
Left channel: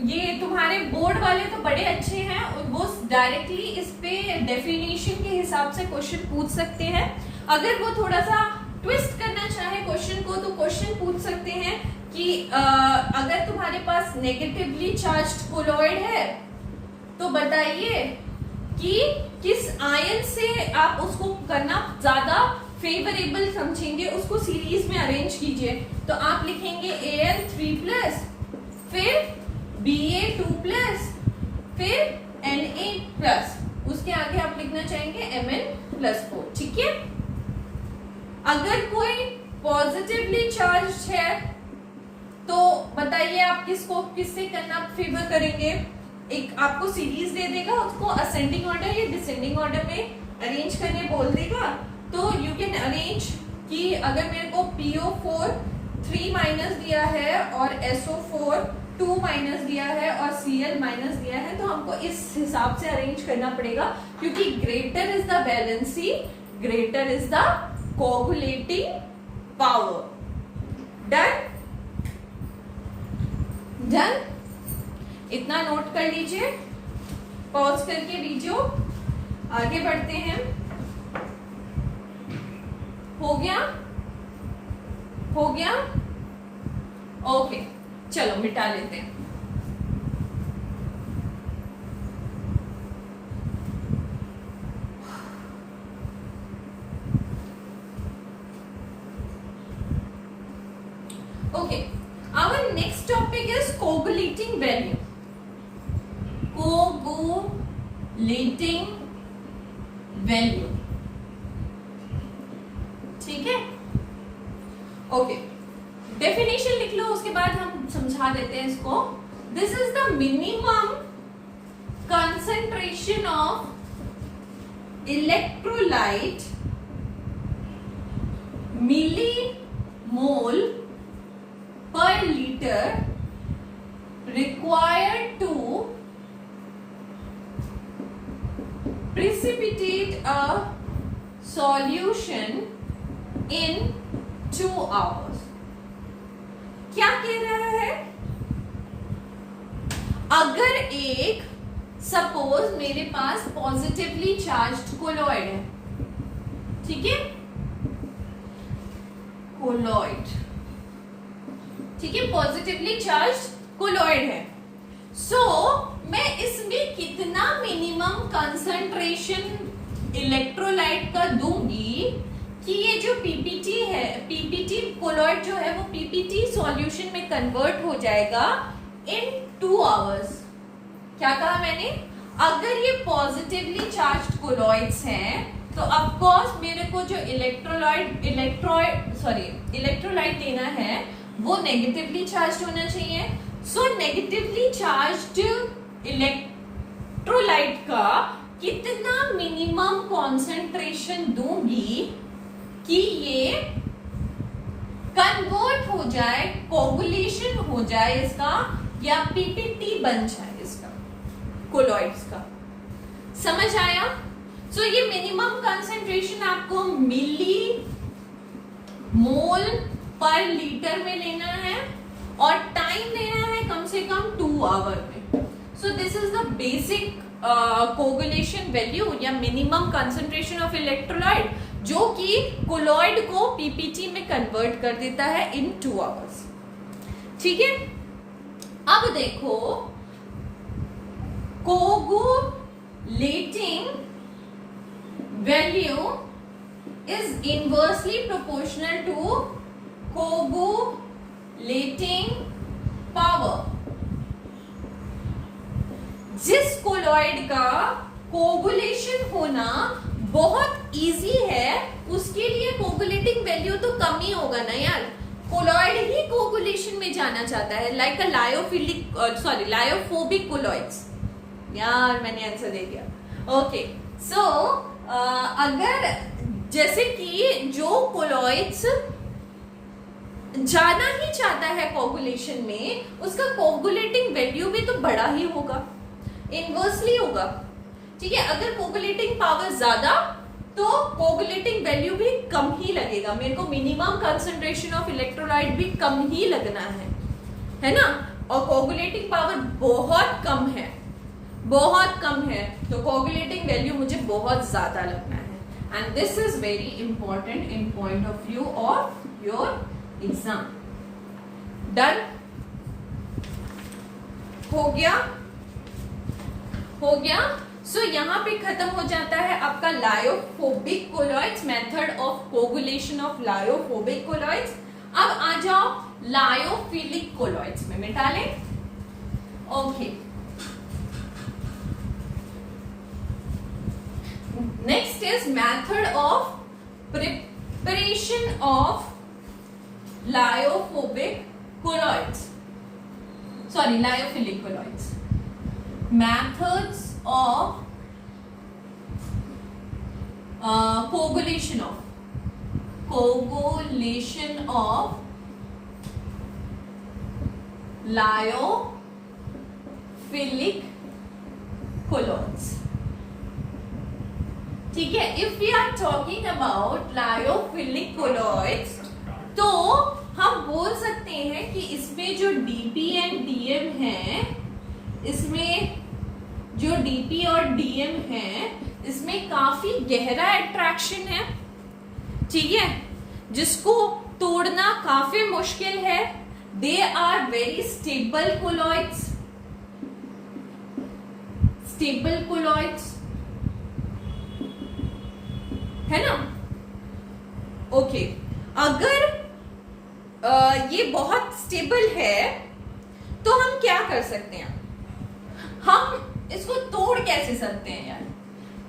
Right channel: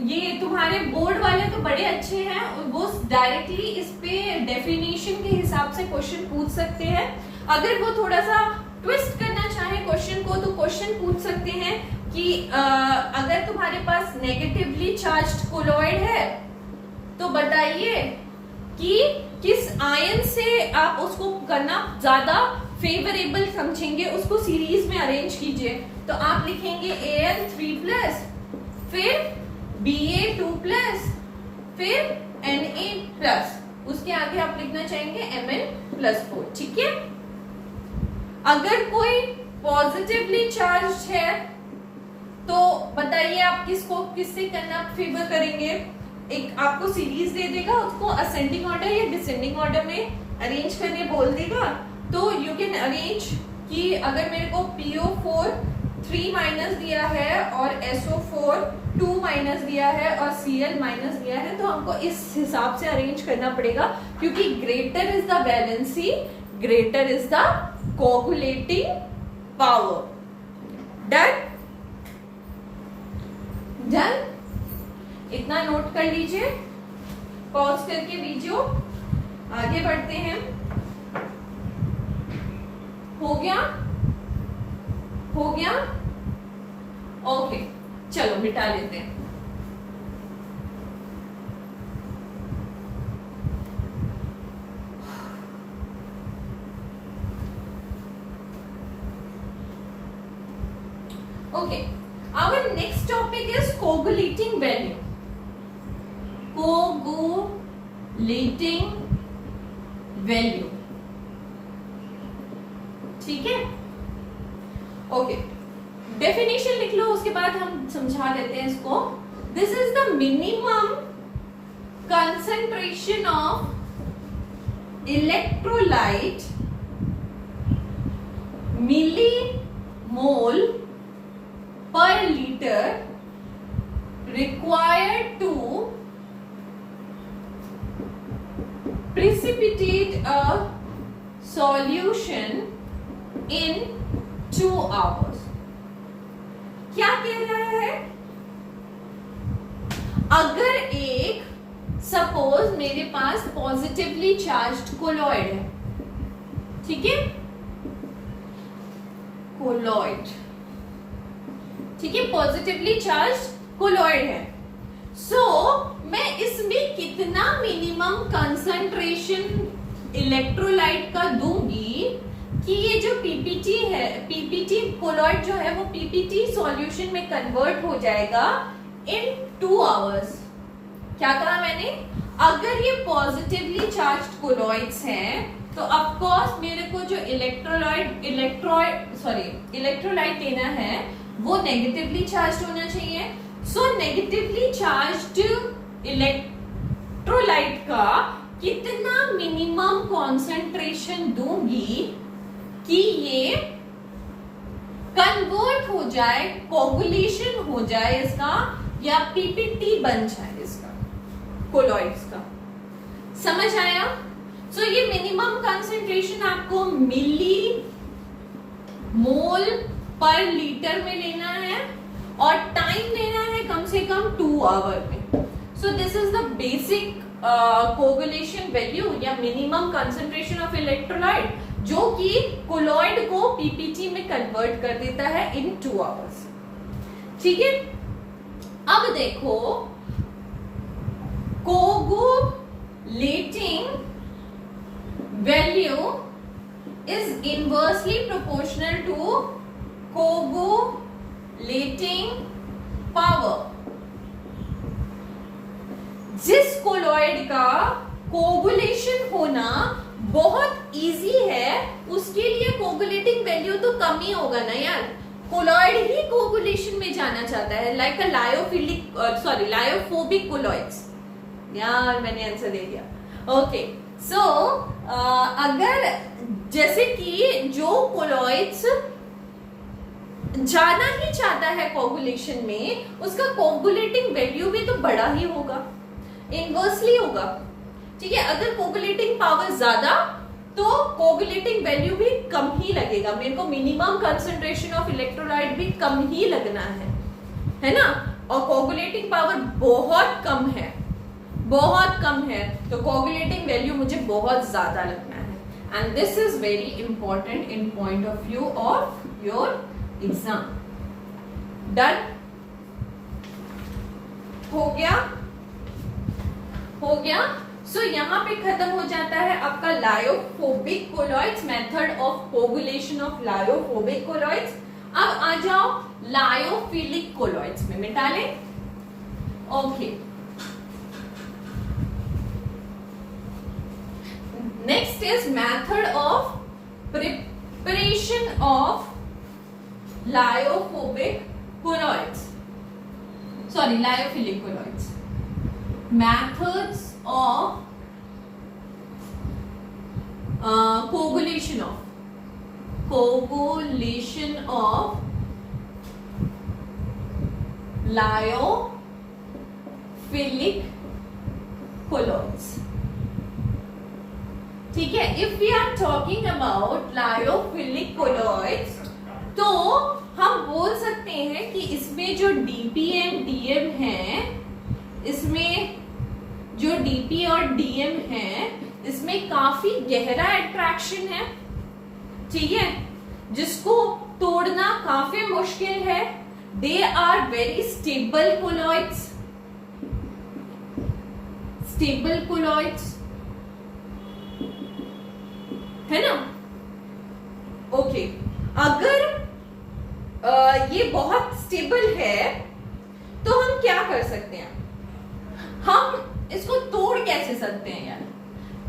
ये तुम्हारे बोर्ड वाले तो बड़े अच्छे हैं, वो डायरेक्टली इस पे डेफिनेशन के हिसाब से क्वेश्चन पूछ सकते हैं। अगर वो थोड़ा सा ट्विस्ट करना चाहे क्वेश्चन को तो क्वेश्चन पूछ सकते हैं कि अगर तुम्हारे पास नेगेटिवली चार्ज्ड कोलॉइड है तो बताइए कि किस आयन से आप उसको करना ज्यादा फेवरेबल समझेंगे, उसको सीरीज में अरेंज कीजिए। तो आप लिखेंगे Al3+, फिर Ba2+, फिर Na+, उसके आगे आप लिखना चाहेंगे Mn+4, ठीक है। अगर कोई पॉजिटिवली चार्ज है तो बताइए आप किससे करना फेवर करेंगे। एक आपको सीरीज दे देगा, उसको असेंडिंग ऑर्डर या डिसेंडिंग ऑर्डर में अरेंज करने बोल देगा। तो यू कैन अरेंज कि अगर मेरे को PO4 3- दिया है और SO4 2- दिया है और Cl- दिया है, तो हमको इस हिसाब से अरेंज करना पड़ेगा, क्योंकि greater is the valency, greater is the coagulating power. Done, done. इतना नोट कर लीजिए, पॉज करके वीडियो आगे बढ़ते हैं। हो गया, हो गया, ओके, चलो मिटा लेते हैं। Okay, our next topic is coagulating value. Coagulating value, ठीक है। ओके, डेफिनेशन लिख लो, उसके बाद हम समझा देते हैं इसको। This is the minimum concentration of electrolyte millimole per liter required to precipitate a solution in 2 hours। क्या कह रहा है? अगर एक सपोज मेरे पास पॉजिटिवली चार्ज्ड कोलॉइड है, ठीक है, कोलॉइड, ठीक है, पॉजिटिवली चार्ज कोलॉइड है। सो मैं इसमें कितना मिनिमम कंसंट्रेशन इलेक्ट्रोलाइट का दूंगी कि ये जो पीपीटी है, पीपीटी कोलॉइड जो है वो पीपीटी सॉल्यूशन में कन्वर्ट हो जाएगा इन 2 आवर्स। क्या कहा मैंने? अगर ये पॉजिटिवली चार्ज्ड कोलॉइड्स हैं तो ऑफ कोर्स मेरे को जो इलेक्ट्रोलाइट लेना है वो नेगेटिवली चार्ज होना चाहिए। सो नेगेटिवली चार्ज्ड इलेक्ट्रोलाइट का कितना मिनिमम कॉन्सेंट्रेशन दूंगी कि ये कन्वर्ट हो जाए, कोगुलेशन हो जाए इसका, या पीपीटी बन जाए इसका, कोलॉइड्स का। समझ आया? सो ये मिनिमम कंसंट्रेशन आपको मिली मोल पर लीटर में लेना है और टाइम लेना है कम से कम 2 आवर में। So this is the basic coagulation value या मिनिमम कंसंट्रेशन ऑफ इलेक्ट्रोलाइट, जो कि कोलॉइड को पीपीटी में कन्वर्ट कर देता है इन 2 आवर्स। ठीक है, अब देखो coagulating value is inversely proportional to coagulating power. जिस कोलॉइड का कोगुलेशन होना बहुत इजी है उसके लिए कोगुलेटिंग वैल्यू तो कम ही होगा ना यार, कोलॉइड ही कोगुलेशन में जाना चाहता है, लाइक अ लायोफोबिक कोलॉइड्स। यार मैंने आंसर दे दिया। ओके सो अगर जैसे कि जो कोलॉइड्स जाना ही चाहता है कोगुलेशन में, उसका कोगुलेटिंग वैल्यू भी तो बड़ा ही होगा, इनवर्सली होगा। ठीक है, अगर कोगुलेटिंग पावर ज्यादा तो कोगुलेटिंग वैल्यू भी कम ही लगेगा, मेरे को मिनिमम कंसंट्रेशन ऑफ इलेक्ट्रोलाइट भी कम ही लगना है ना। और कोगुलेटिंग पावर बहुत कम है, बहुत कम है, तो कोगुलेटिंग वैल्यू मुझे बहुत ज्यादा लगना है। And this is very important in point of view of your exam. Done हो गया, हो गया। सो यहाँ पे खत्म हो जाता है आपका lyophobic colloids, method of coagulation of lyophobic colloids. अब आ जाओ लायोफिलिक कोलॉइड्स में, मिटा लें। Okay, next is method of preparation of lyophobic colloids, sorry lyophilic colloids. methods of coagulation of lyophilic colloids। ठीक है, if we are talking about lyophilic colloids तो हम बोल सकते हैं कि इसमें जो डीपी एंड डीएम है, इसमें जो डीपी और डीएम है, इसमें काफी गहरा अट्रैक्शन है। ठीक है, जिसको तोड़ना काफी मुश्किल है। They are very stable colloids, stable colloids है ना। ओके, अगर ये बहुत स्टेबल है तो हम क्या कर सकते हैं, हम इसको तोड़ कैसे सकते हैं यार।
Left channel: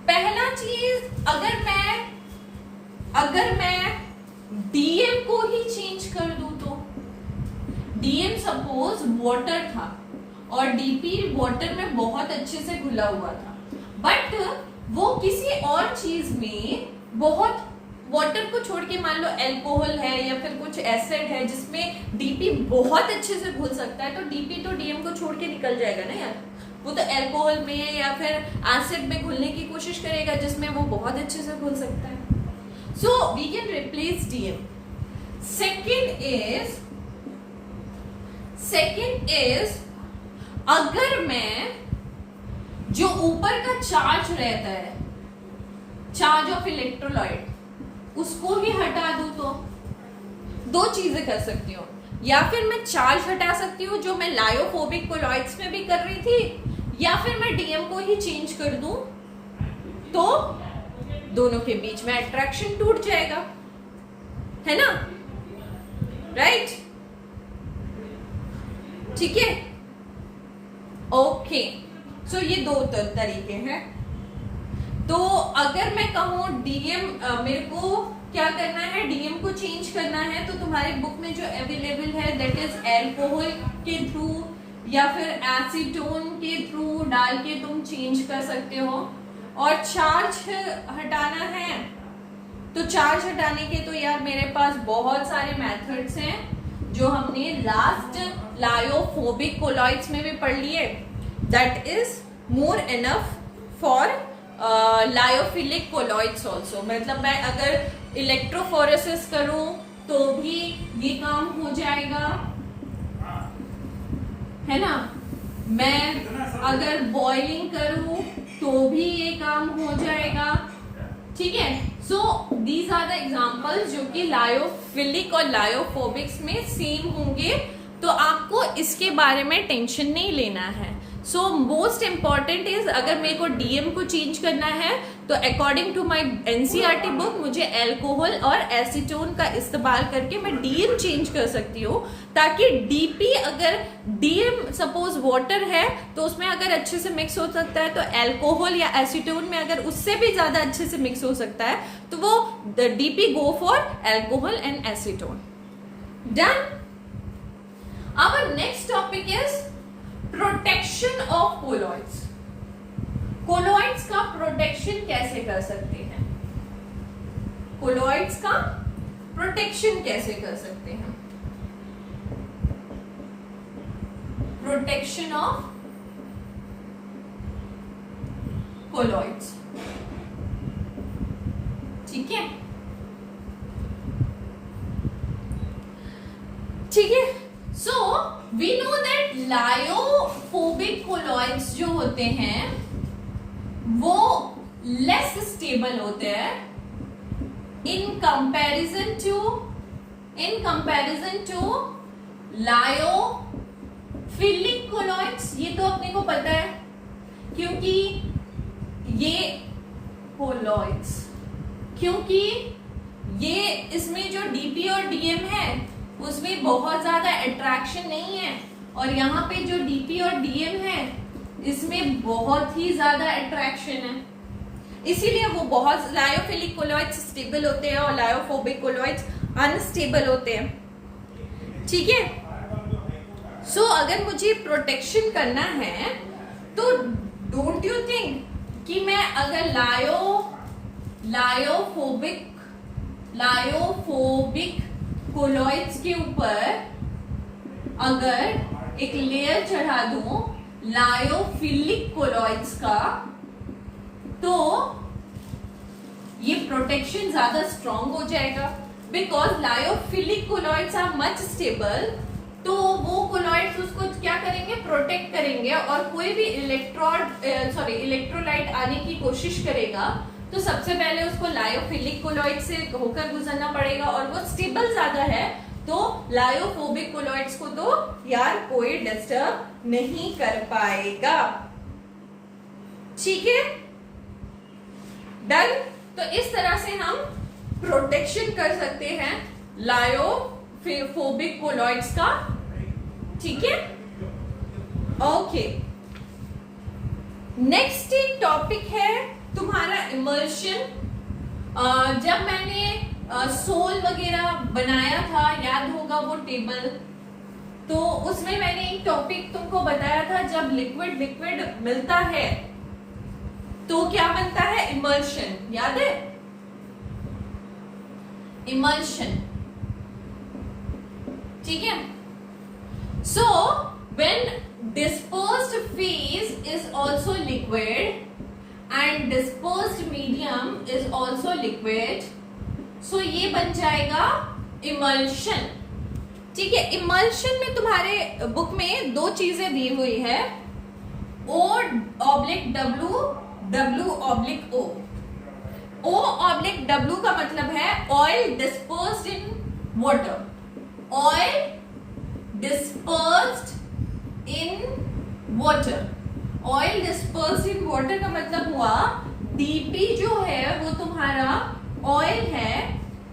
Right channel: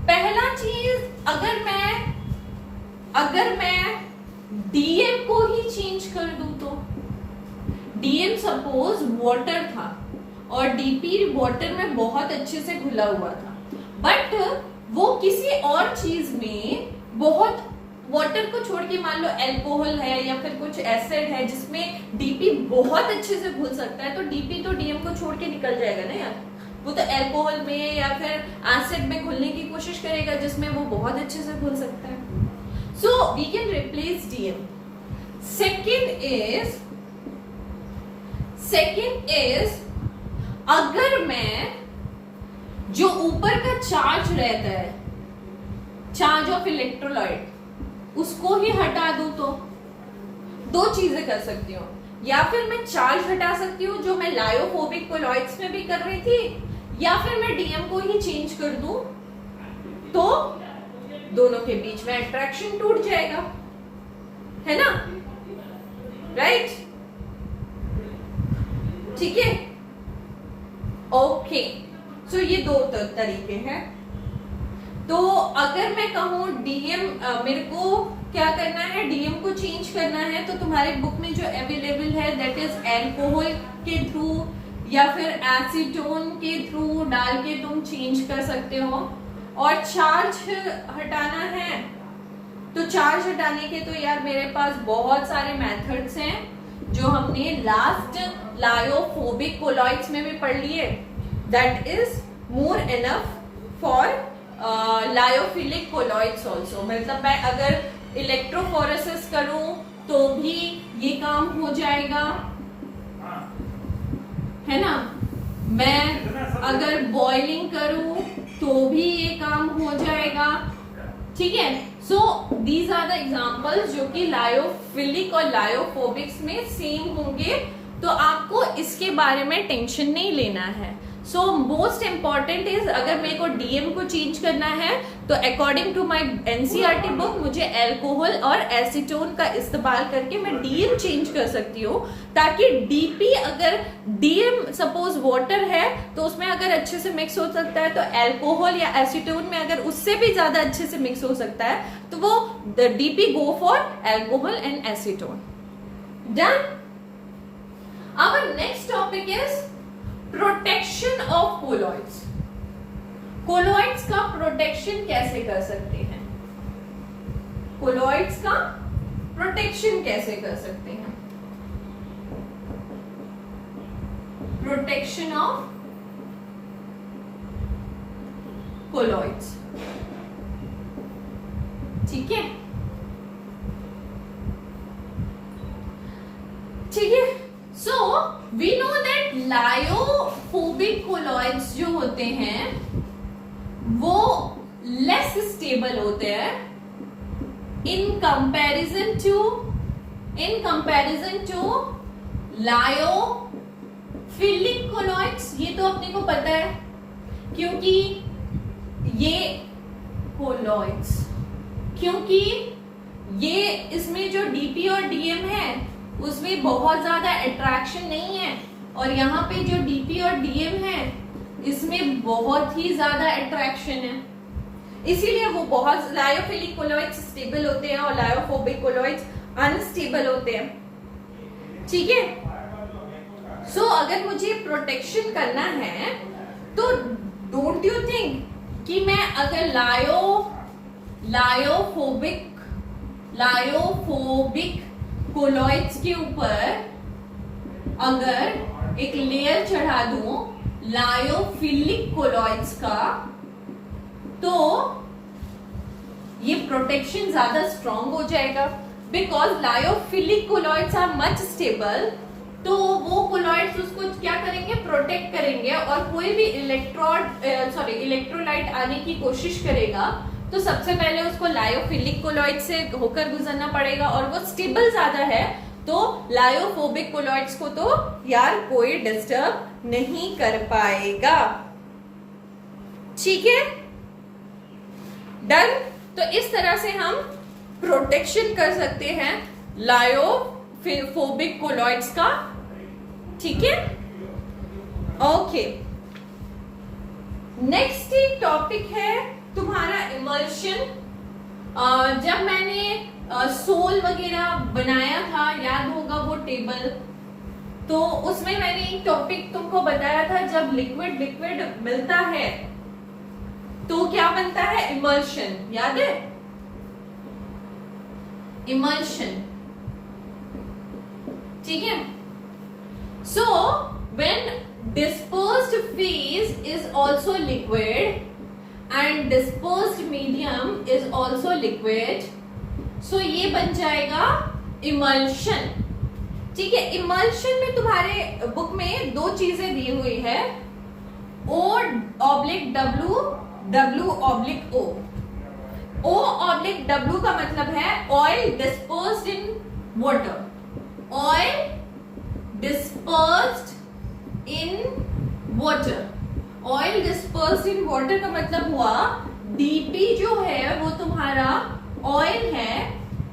पहला चीज, अगर मैं डीएम को ही चेंज कर दूं तो, डीएम सपोज वाटर था और डीपी वाटर में बहुत अच्छे से घुला हुआ था, बट वो किसी और चीज में बहुत, वाटर को छोड़ के मान लो अल्कोहल है या फिर कुछ एसिड है जिसमें डीपी बहुत अच्छे से घुल सकता है, तो डीपी तो डीएम को छोड़ के निकल जाएगा ना यार। वो तो अल्कोहल में या फिर एसिड में घुलने की कोशिश करेगा जिसमें वो बहुत अच्छे से घुल सकता है। So we can replace DM. Second is अगर मैं जो ऊपर का चार्ज रहता है, चार्ज ऑफ इलेक्ट्रोलाइट, उसको ही हटा दूं तो दो चीजें कर सकती हूँ, या फिर मैं चार्ज हटा सकती हूँ जो मैं लायोफोबिक कोलॉइड्स में भी कर रही थी, या फिर मैं डीएम को ही चेंज कर दूं तो दोनों के बीच में अट्रैक्शन टूट जाएगा, है ना, राइट। ठीक है, ओके। सो ये दो तरीके हैं। तो अगर मैं कहूं डीएम, मेरे को क्या करना है, डीएम को चेंज करना है, तो तुम्हारे बुक में जो अवेलेबल है दैट इज अल्कोहल के थ्रू या फिर एसीटोन के थ्रू डाल के तुम चेंज कर सकते हो। और चार्ज हटाना है तो चार्ज हटाने के तो यार मेरे पास बहुत सारे मेथड्स हैं जो हमने लास्ट लायोफोबिक कोलॉइड्स में भी पढ़ लिए, that is more enough for lyophilic colloids also. मतलब मैं अगर इलेक्ट्रोफोरेसिस करूं तो भी ये काम हो जाएगा, है ना। मैं अगर बॉइलिंग करूं तो भी ये काम हो जाएगा, ठीक है। So these are the examples जो कि लायोफिलिक और लायोफोबिक्स में सेम होंगे, तो आपको इसके बारे में टेंशन नहीं लेना है। सो मोस्ट इम्पॉर्टेंट इज अगर मेरे को डीएम को चेंज करना है तो according to my NCERT book मुझे अल्कोहल और एसीटोन का इस्तेमाल करके मैं डीएम चेंज कर सकती हूँ, ताकि डीपी अगर डीएम सपोज वाटर है तो उसमें अगर अच्छे से मिक्स हो सकता है, तो अल्कोहल या एसीटोन में अगर उससे भी ज्यादा अच्छे से मिक्स हो सकता है तो वो DP go for alcohol and acetone. Done. Our next topic is protection of colloids. Colloids का प्रोटेक्शन कैसे कर सकते हैं? कोलॉइड्स का प्रोटेक्शन कैसे कर सकते हैं? प्रोटेक्शन ऑफ कोलॉइड्स, ठीक है, ठीक है। So we know that lyophobic colloids जो होते हैं वो लेस स्टेबल होते हैं in comparison to lyophilic colloids. ये तो अपने को पता है क्योंकि ये कोलॉइड्स, क्योंकि ये इसमें जो डीपी और डीएम है उसमें बहुत ज्यादा अट्रैक्शन नहीं है, और यहाँ पे जो डीपी और डीएम है इसमें बहुत ही ज्यादा अट्रैक्शन है, इसीलिए वो बहुत लायोफिलिक कोलॉइड्स स्टेबल होते हैं और लायोफोबिक कोलॉइड्स अनस्टेबल होते हैं, ठीक है। सो अगर मुझे प्रोटेक्शन करना है तो डोंट यू थिंक कि मैं अगर लायोफोबिक कोलॉइड्स के ऊपर अगर एक लेयर चढ़ा दूं लायोफिलिक कोलॉइड्स का, तो ये प्रोटेक्शन ज्यादा स्ट्रॉन्ग हो जाएगा, because lyophilic colloids are much stable. तो वो कोलॉइड्स उसको क्या करेंगे, प्रोटेक्ट करेंगे, और कोई भी इलेक्ट्रोलाइट आने की कोशिश करेगा तो सबसे पहले उसको लायोफिलिक कोलॉइड से होकर गुजरना पड़ेगा, और वो स्टेबल ज्यादा है तो लायोफोबिक कोलॉइड्स को तो यार कोई डिस्टर्ब नहीं कर पाएगा, ठीक है। डन। तो इस तरह से हम प्रोटेक्शन कर सकते हैं लायोफोबिक कोलॉइड्स का, ठीक है। ओके, नेक्स्ट टॉपिक है तुम्हारा इमल्शन। जब मैंने सोल वगैरह बनाया था, याद होगा वो टेबल, तो उसमें मैंने एक टॉपिक तुमको बताया था, जब लिक्विड मिलता है तो क्या बनता है, इमल्शन, याद है, इमल्शन, ठीक है। So when dispersed phase is also liquid and dispersed medium is also liquid, so ये बन जाएगा इमल्शन, ठीक है। इमल्शन में तुम्हारे बुक में दो चीजें दी हुई है, O/W, W/O। O/W का मतलब है oil dispersed in water, oil dispersed in water. Oil dispersed in water का मतलब हुआ डीपी जो है वो तुम्हारा ऑयल है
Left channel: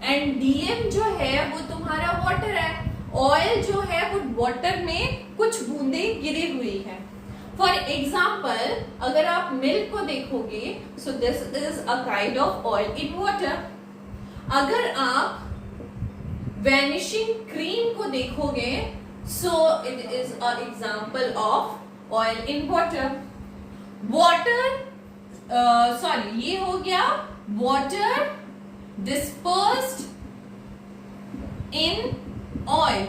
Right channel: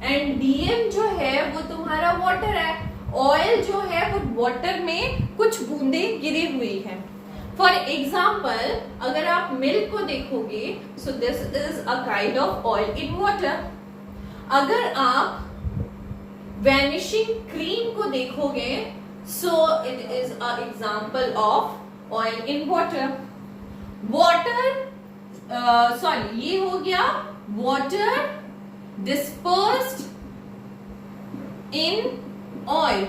एंड डीएम जो है वो तुम्हारा वाटर है। ऑयल जो है वो वाटर में कुछ बूंदे गिरी हुई है। फॉर एग्जाम्पल अगर आप मिल्क को देखोगे, so this is a kind of oil in water. अगर आप वैनिशिंग क्रीम को देखोगे, so it is an example of oil in water. ये हो गया water dispersed in oil।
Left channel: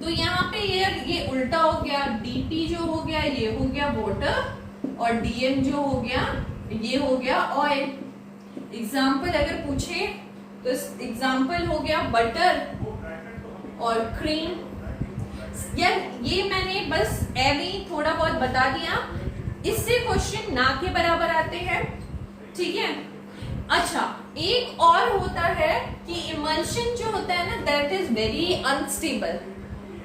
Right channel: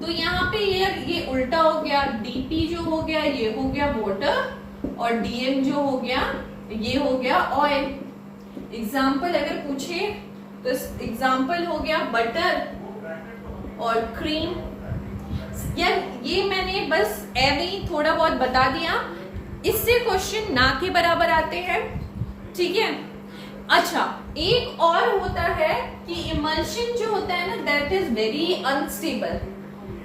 तो यहाँ पे ये उल्टा हो गया, डीपी जो हो गया ये हो गया वाटर, और डीएम जो हो गया ये हो गया ऑयल। एग्जाम्पल अगर पूछे तो एग्जाम्पल हो गया बटर और क्रीम। यार ये मैंने बस ऐसे थोड़ा बहुत बता दिया, इससे क्वेश्चन ना के बराबर आते हैं, ठीक है। अच्छा, एक और होता है कि इमल्शन जो होता है ना, दैट इज वेरी अनस्टेबल।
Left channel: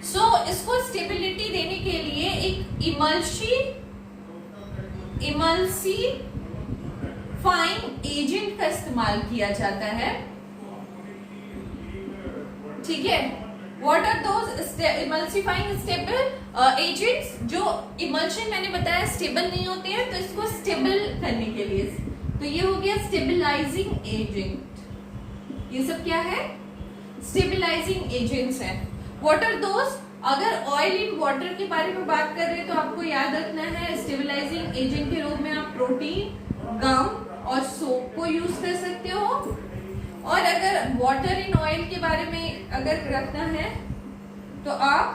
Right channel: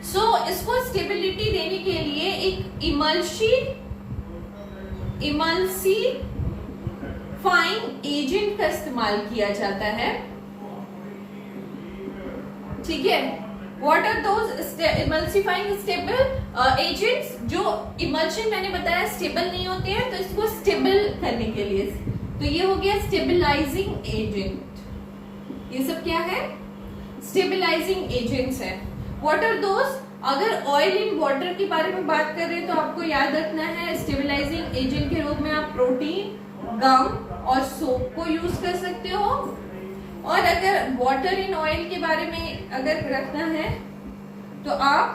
सो इसको स्टेबिलिटी देने के लिए एक इमल्सिफाइंग एजेंट का इस्तेमाल किया जाता है, ठीक है। What are those emulsifying stable agents? जो इमल्शन मैंने बताया स्टेबल नहीं होते हैं, तो इसको स्टेबल करने के लिए, तो ये हो गया स्टेबलाइजिंग एजेंट। ये सब क्या है? स्टेबलाइजिंग एजेंट्स हैं। What are those? अगर ऑयल इन वाटर के बारे में बात कर रहे हैं तो आपको याद रखना है स्टेबलाइजिंग एजेंट के रूप में आप प्रोटीन, गम और सोप को यूज कर सकते हो। और अगर वाटर इन ऑयल के बारे में अगर रखना है तो आप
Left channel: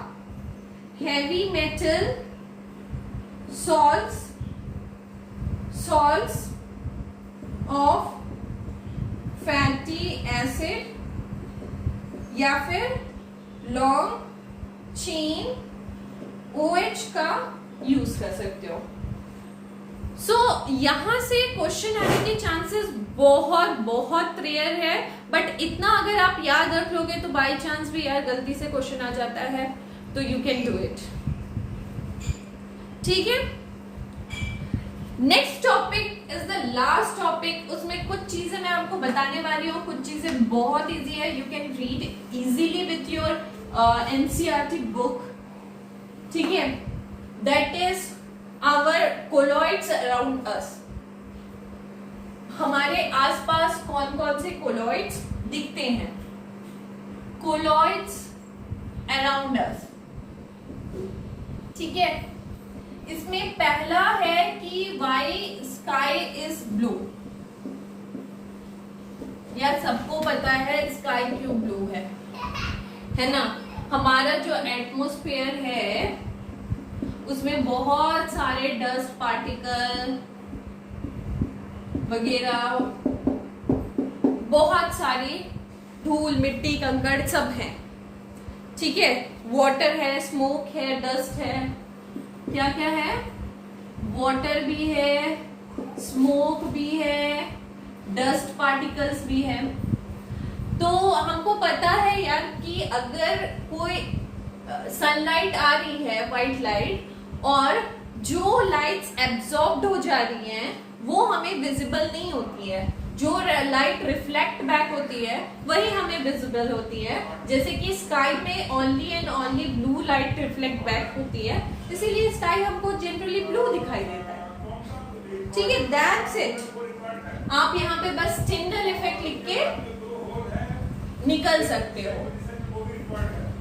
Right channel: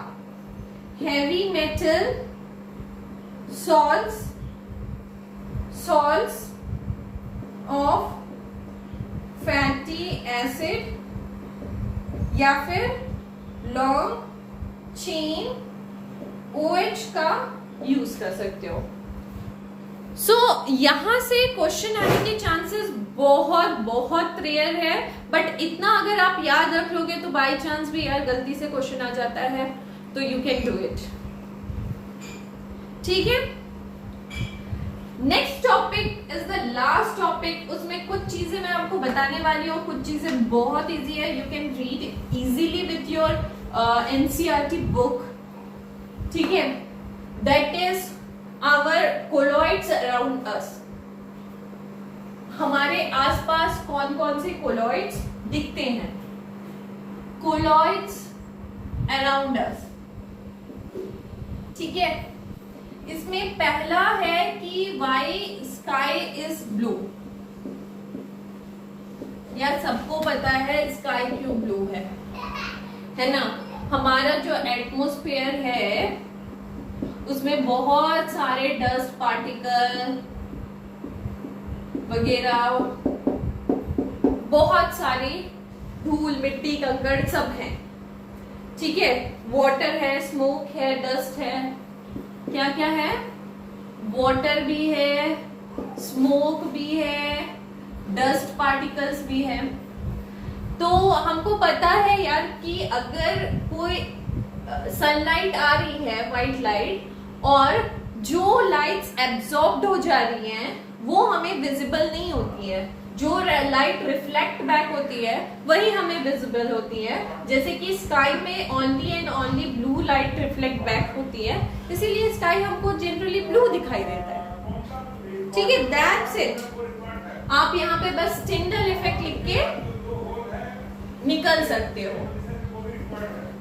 heavy metal salts of fatty acid या फिर लॉन्ग चेन OH का यूज कर सकते हो। सो यहां से क्वेश्चन आने के चांसेस बहुत बहुत रेयर है, बट इतना अगर आप याद रख लोगे तो बाय चांस भी यार गलती से क्वेश्चन आ जाता है तो यू कैन डू इट, ठीक है। Next topic is the last topic. उसमें कुछ चीजें मैं आपको बताने वाली हूँ, कुछ चीजें बहुत इजी है, you can read easily with your NCERT book, ठीक है। That is our colloids around us. हमारे आसपास कौन कौन से कोलॉइड्स दिखते हैं? कोलॉइड्स अराउंड अस, ठीक है। इसमें पहला है कि वाई स्काई इज ब्लू। यार सबको पता है स्काई क्यों ब्लू है ना। हमारा जो एटमॉस्फेयर है उसमें बहुत सारे डस्ट पार्टिकल वगैरह, बहुत सारी धूल मिट्टी कंकड़ सब है, ठीक है। वाटर है, स्मोक है, डस्ट है, क्या क्या है? वाटर भी है, स्मोक भी है, डस्ट पार्टिकल्स भी है। तो हमको पता है यार कि अगर कोई सनलाइट आ रही है, व्हाइट लाइट, और जो लाइट्स एब्जॉर्ब्ड हो जा रही हैं वो हमें विजिबल नहीं होती है, जो लाइट रिफ्लेक्ट बैक होती है वही हमें विजिबल होती है। जैसे कि स्काई में only and only blue light reflect back होती है, इसीलिए स्काई हमको जनरली ब्लू दिखाई देता है, ठीक है। That's it. आप यहाँ पे बस टिंडल इफेक्ट लिख के निकल सकते हो,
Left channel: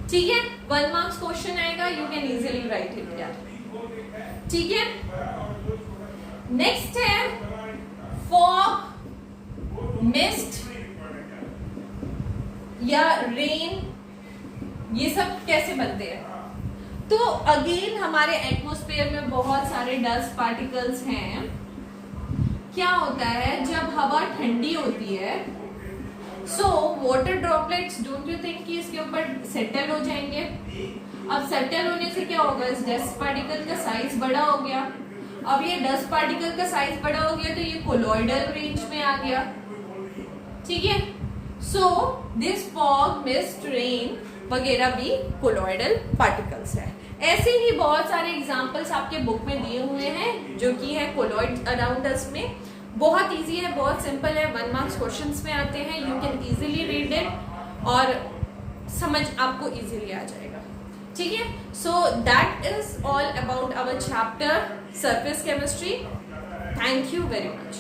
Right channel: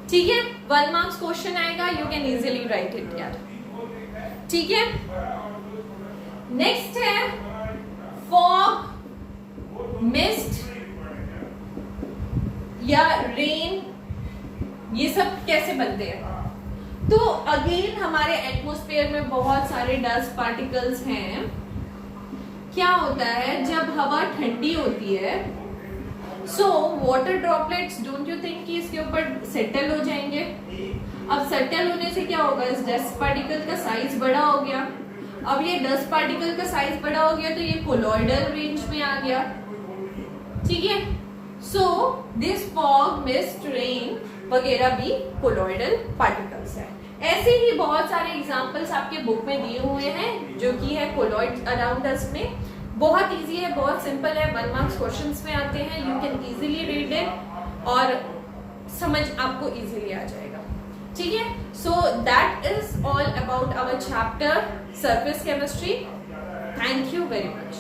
ठीक है। 1 मार्क्स क्वेश्चन आएगा, you can easily right it यार, ठीक है। नेक्स्ट है फॉग, मिस्ट या रेन, ये सब कैसे बनते हैं? तो अगेन हमारे एटमॉस्फेयर में बहुत सारे डस्ट पार्टिकल्स हैं। क्या होता है जब हवा ठंडी होती है, so water droplets, don't you think कि इसके ऊपर सेटल हो जाएंगे। अब सेटल होने से क्या होगा? इस डस्ट पार्टिकल का साइज बड़ा हो गया। अब ये डस्ट पार्टिकल का साइज बड़ा हो गया तो ये कोलॉइडल रेंज में आ गया, ठीक है। So this fog, mist, rain वगैरह भी कोलॉइडल पार्टिकल्स है। ऐसे ही बहुत सारे एग्जांपल्स आपके बुक में दिए हुए हैं जो कि है कोलॉइड अराउंड अस में। बहुत इजी है, बहुत सिंपल है, 1 मार्क्स क्वेश्चंस में आते हैं, you can easily read it और समझ आपको इजीली आ जाएगा, ठीक है। So that is all about our chapter surface chemistry. Thank you very much.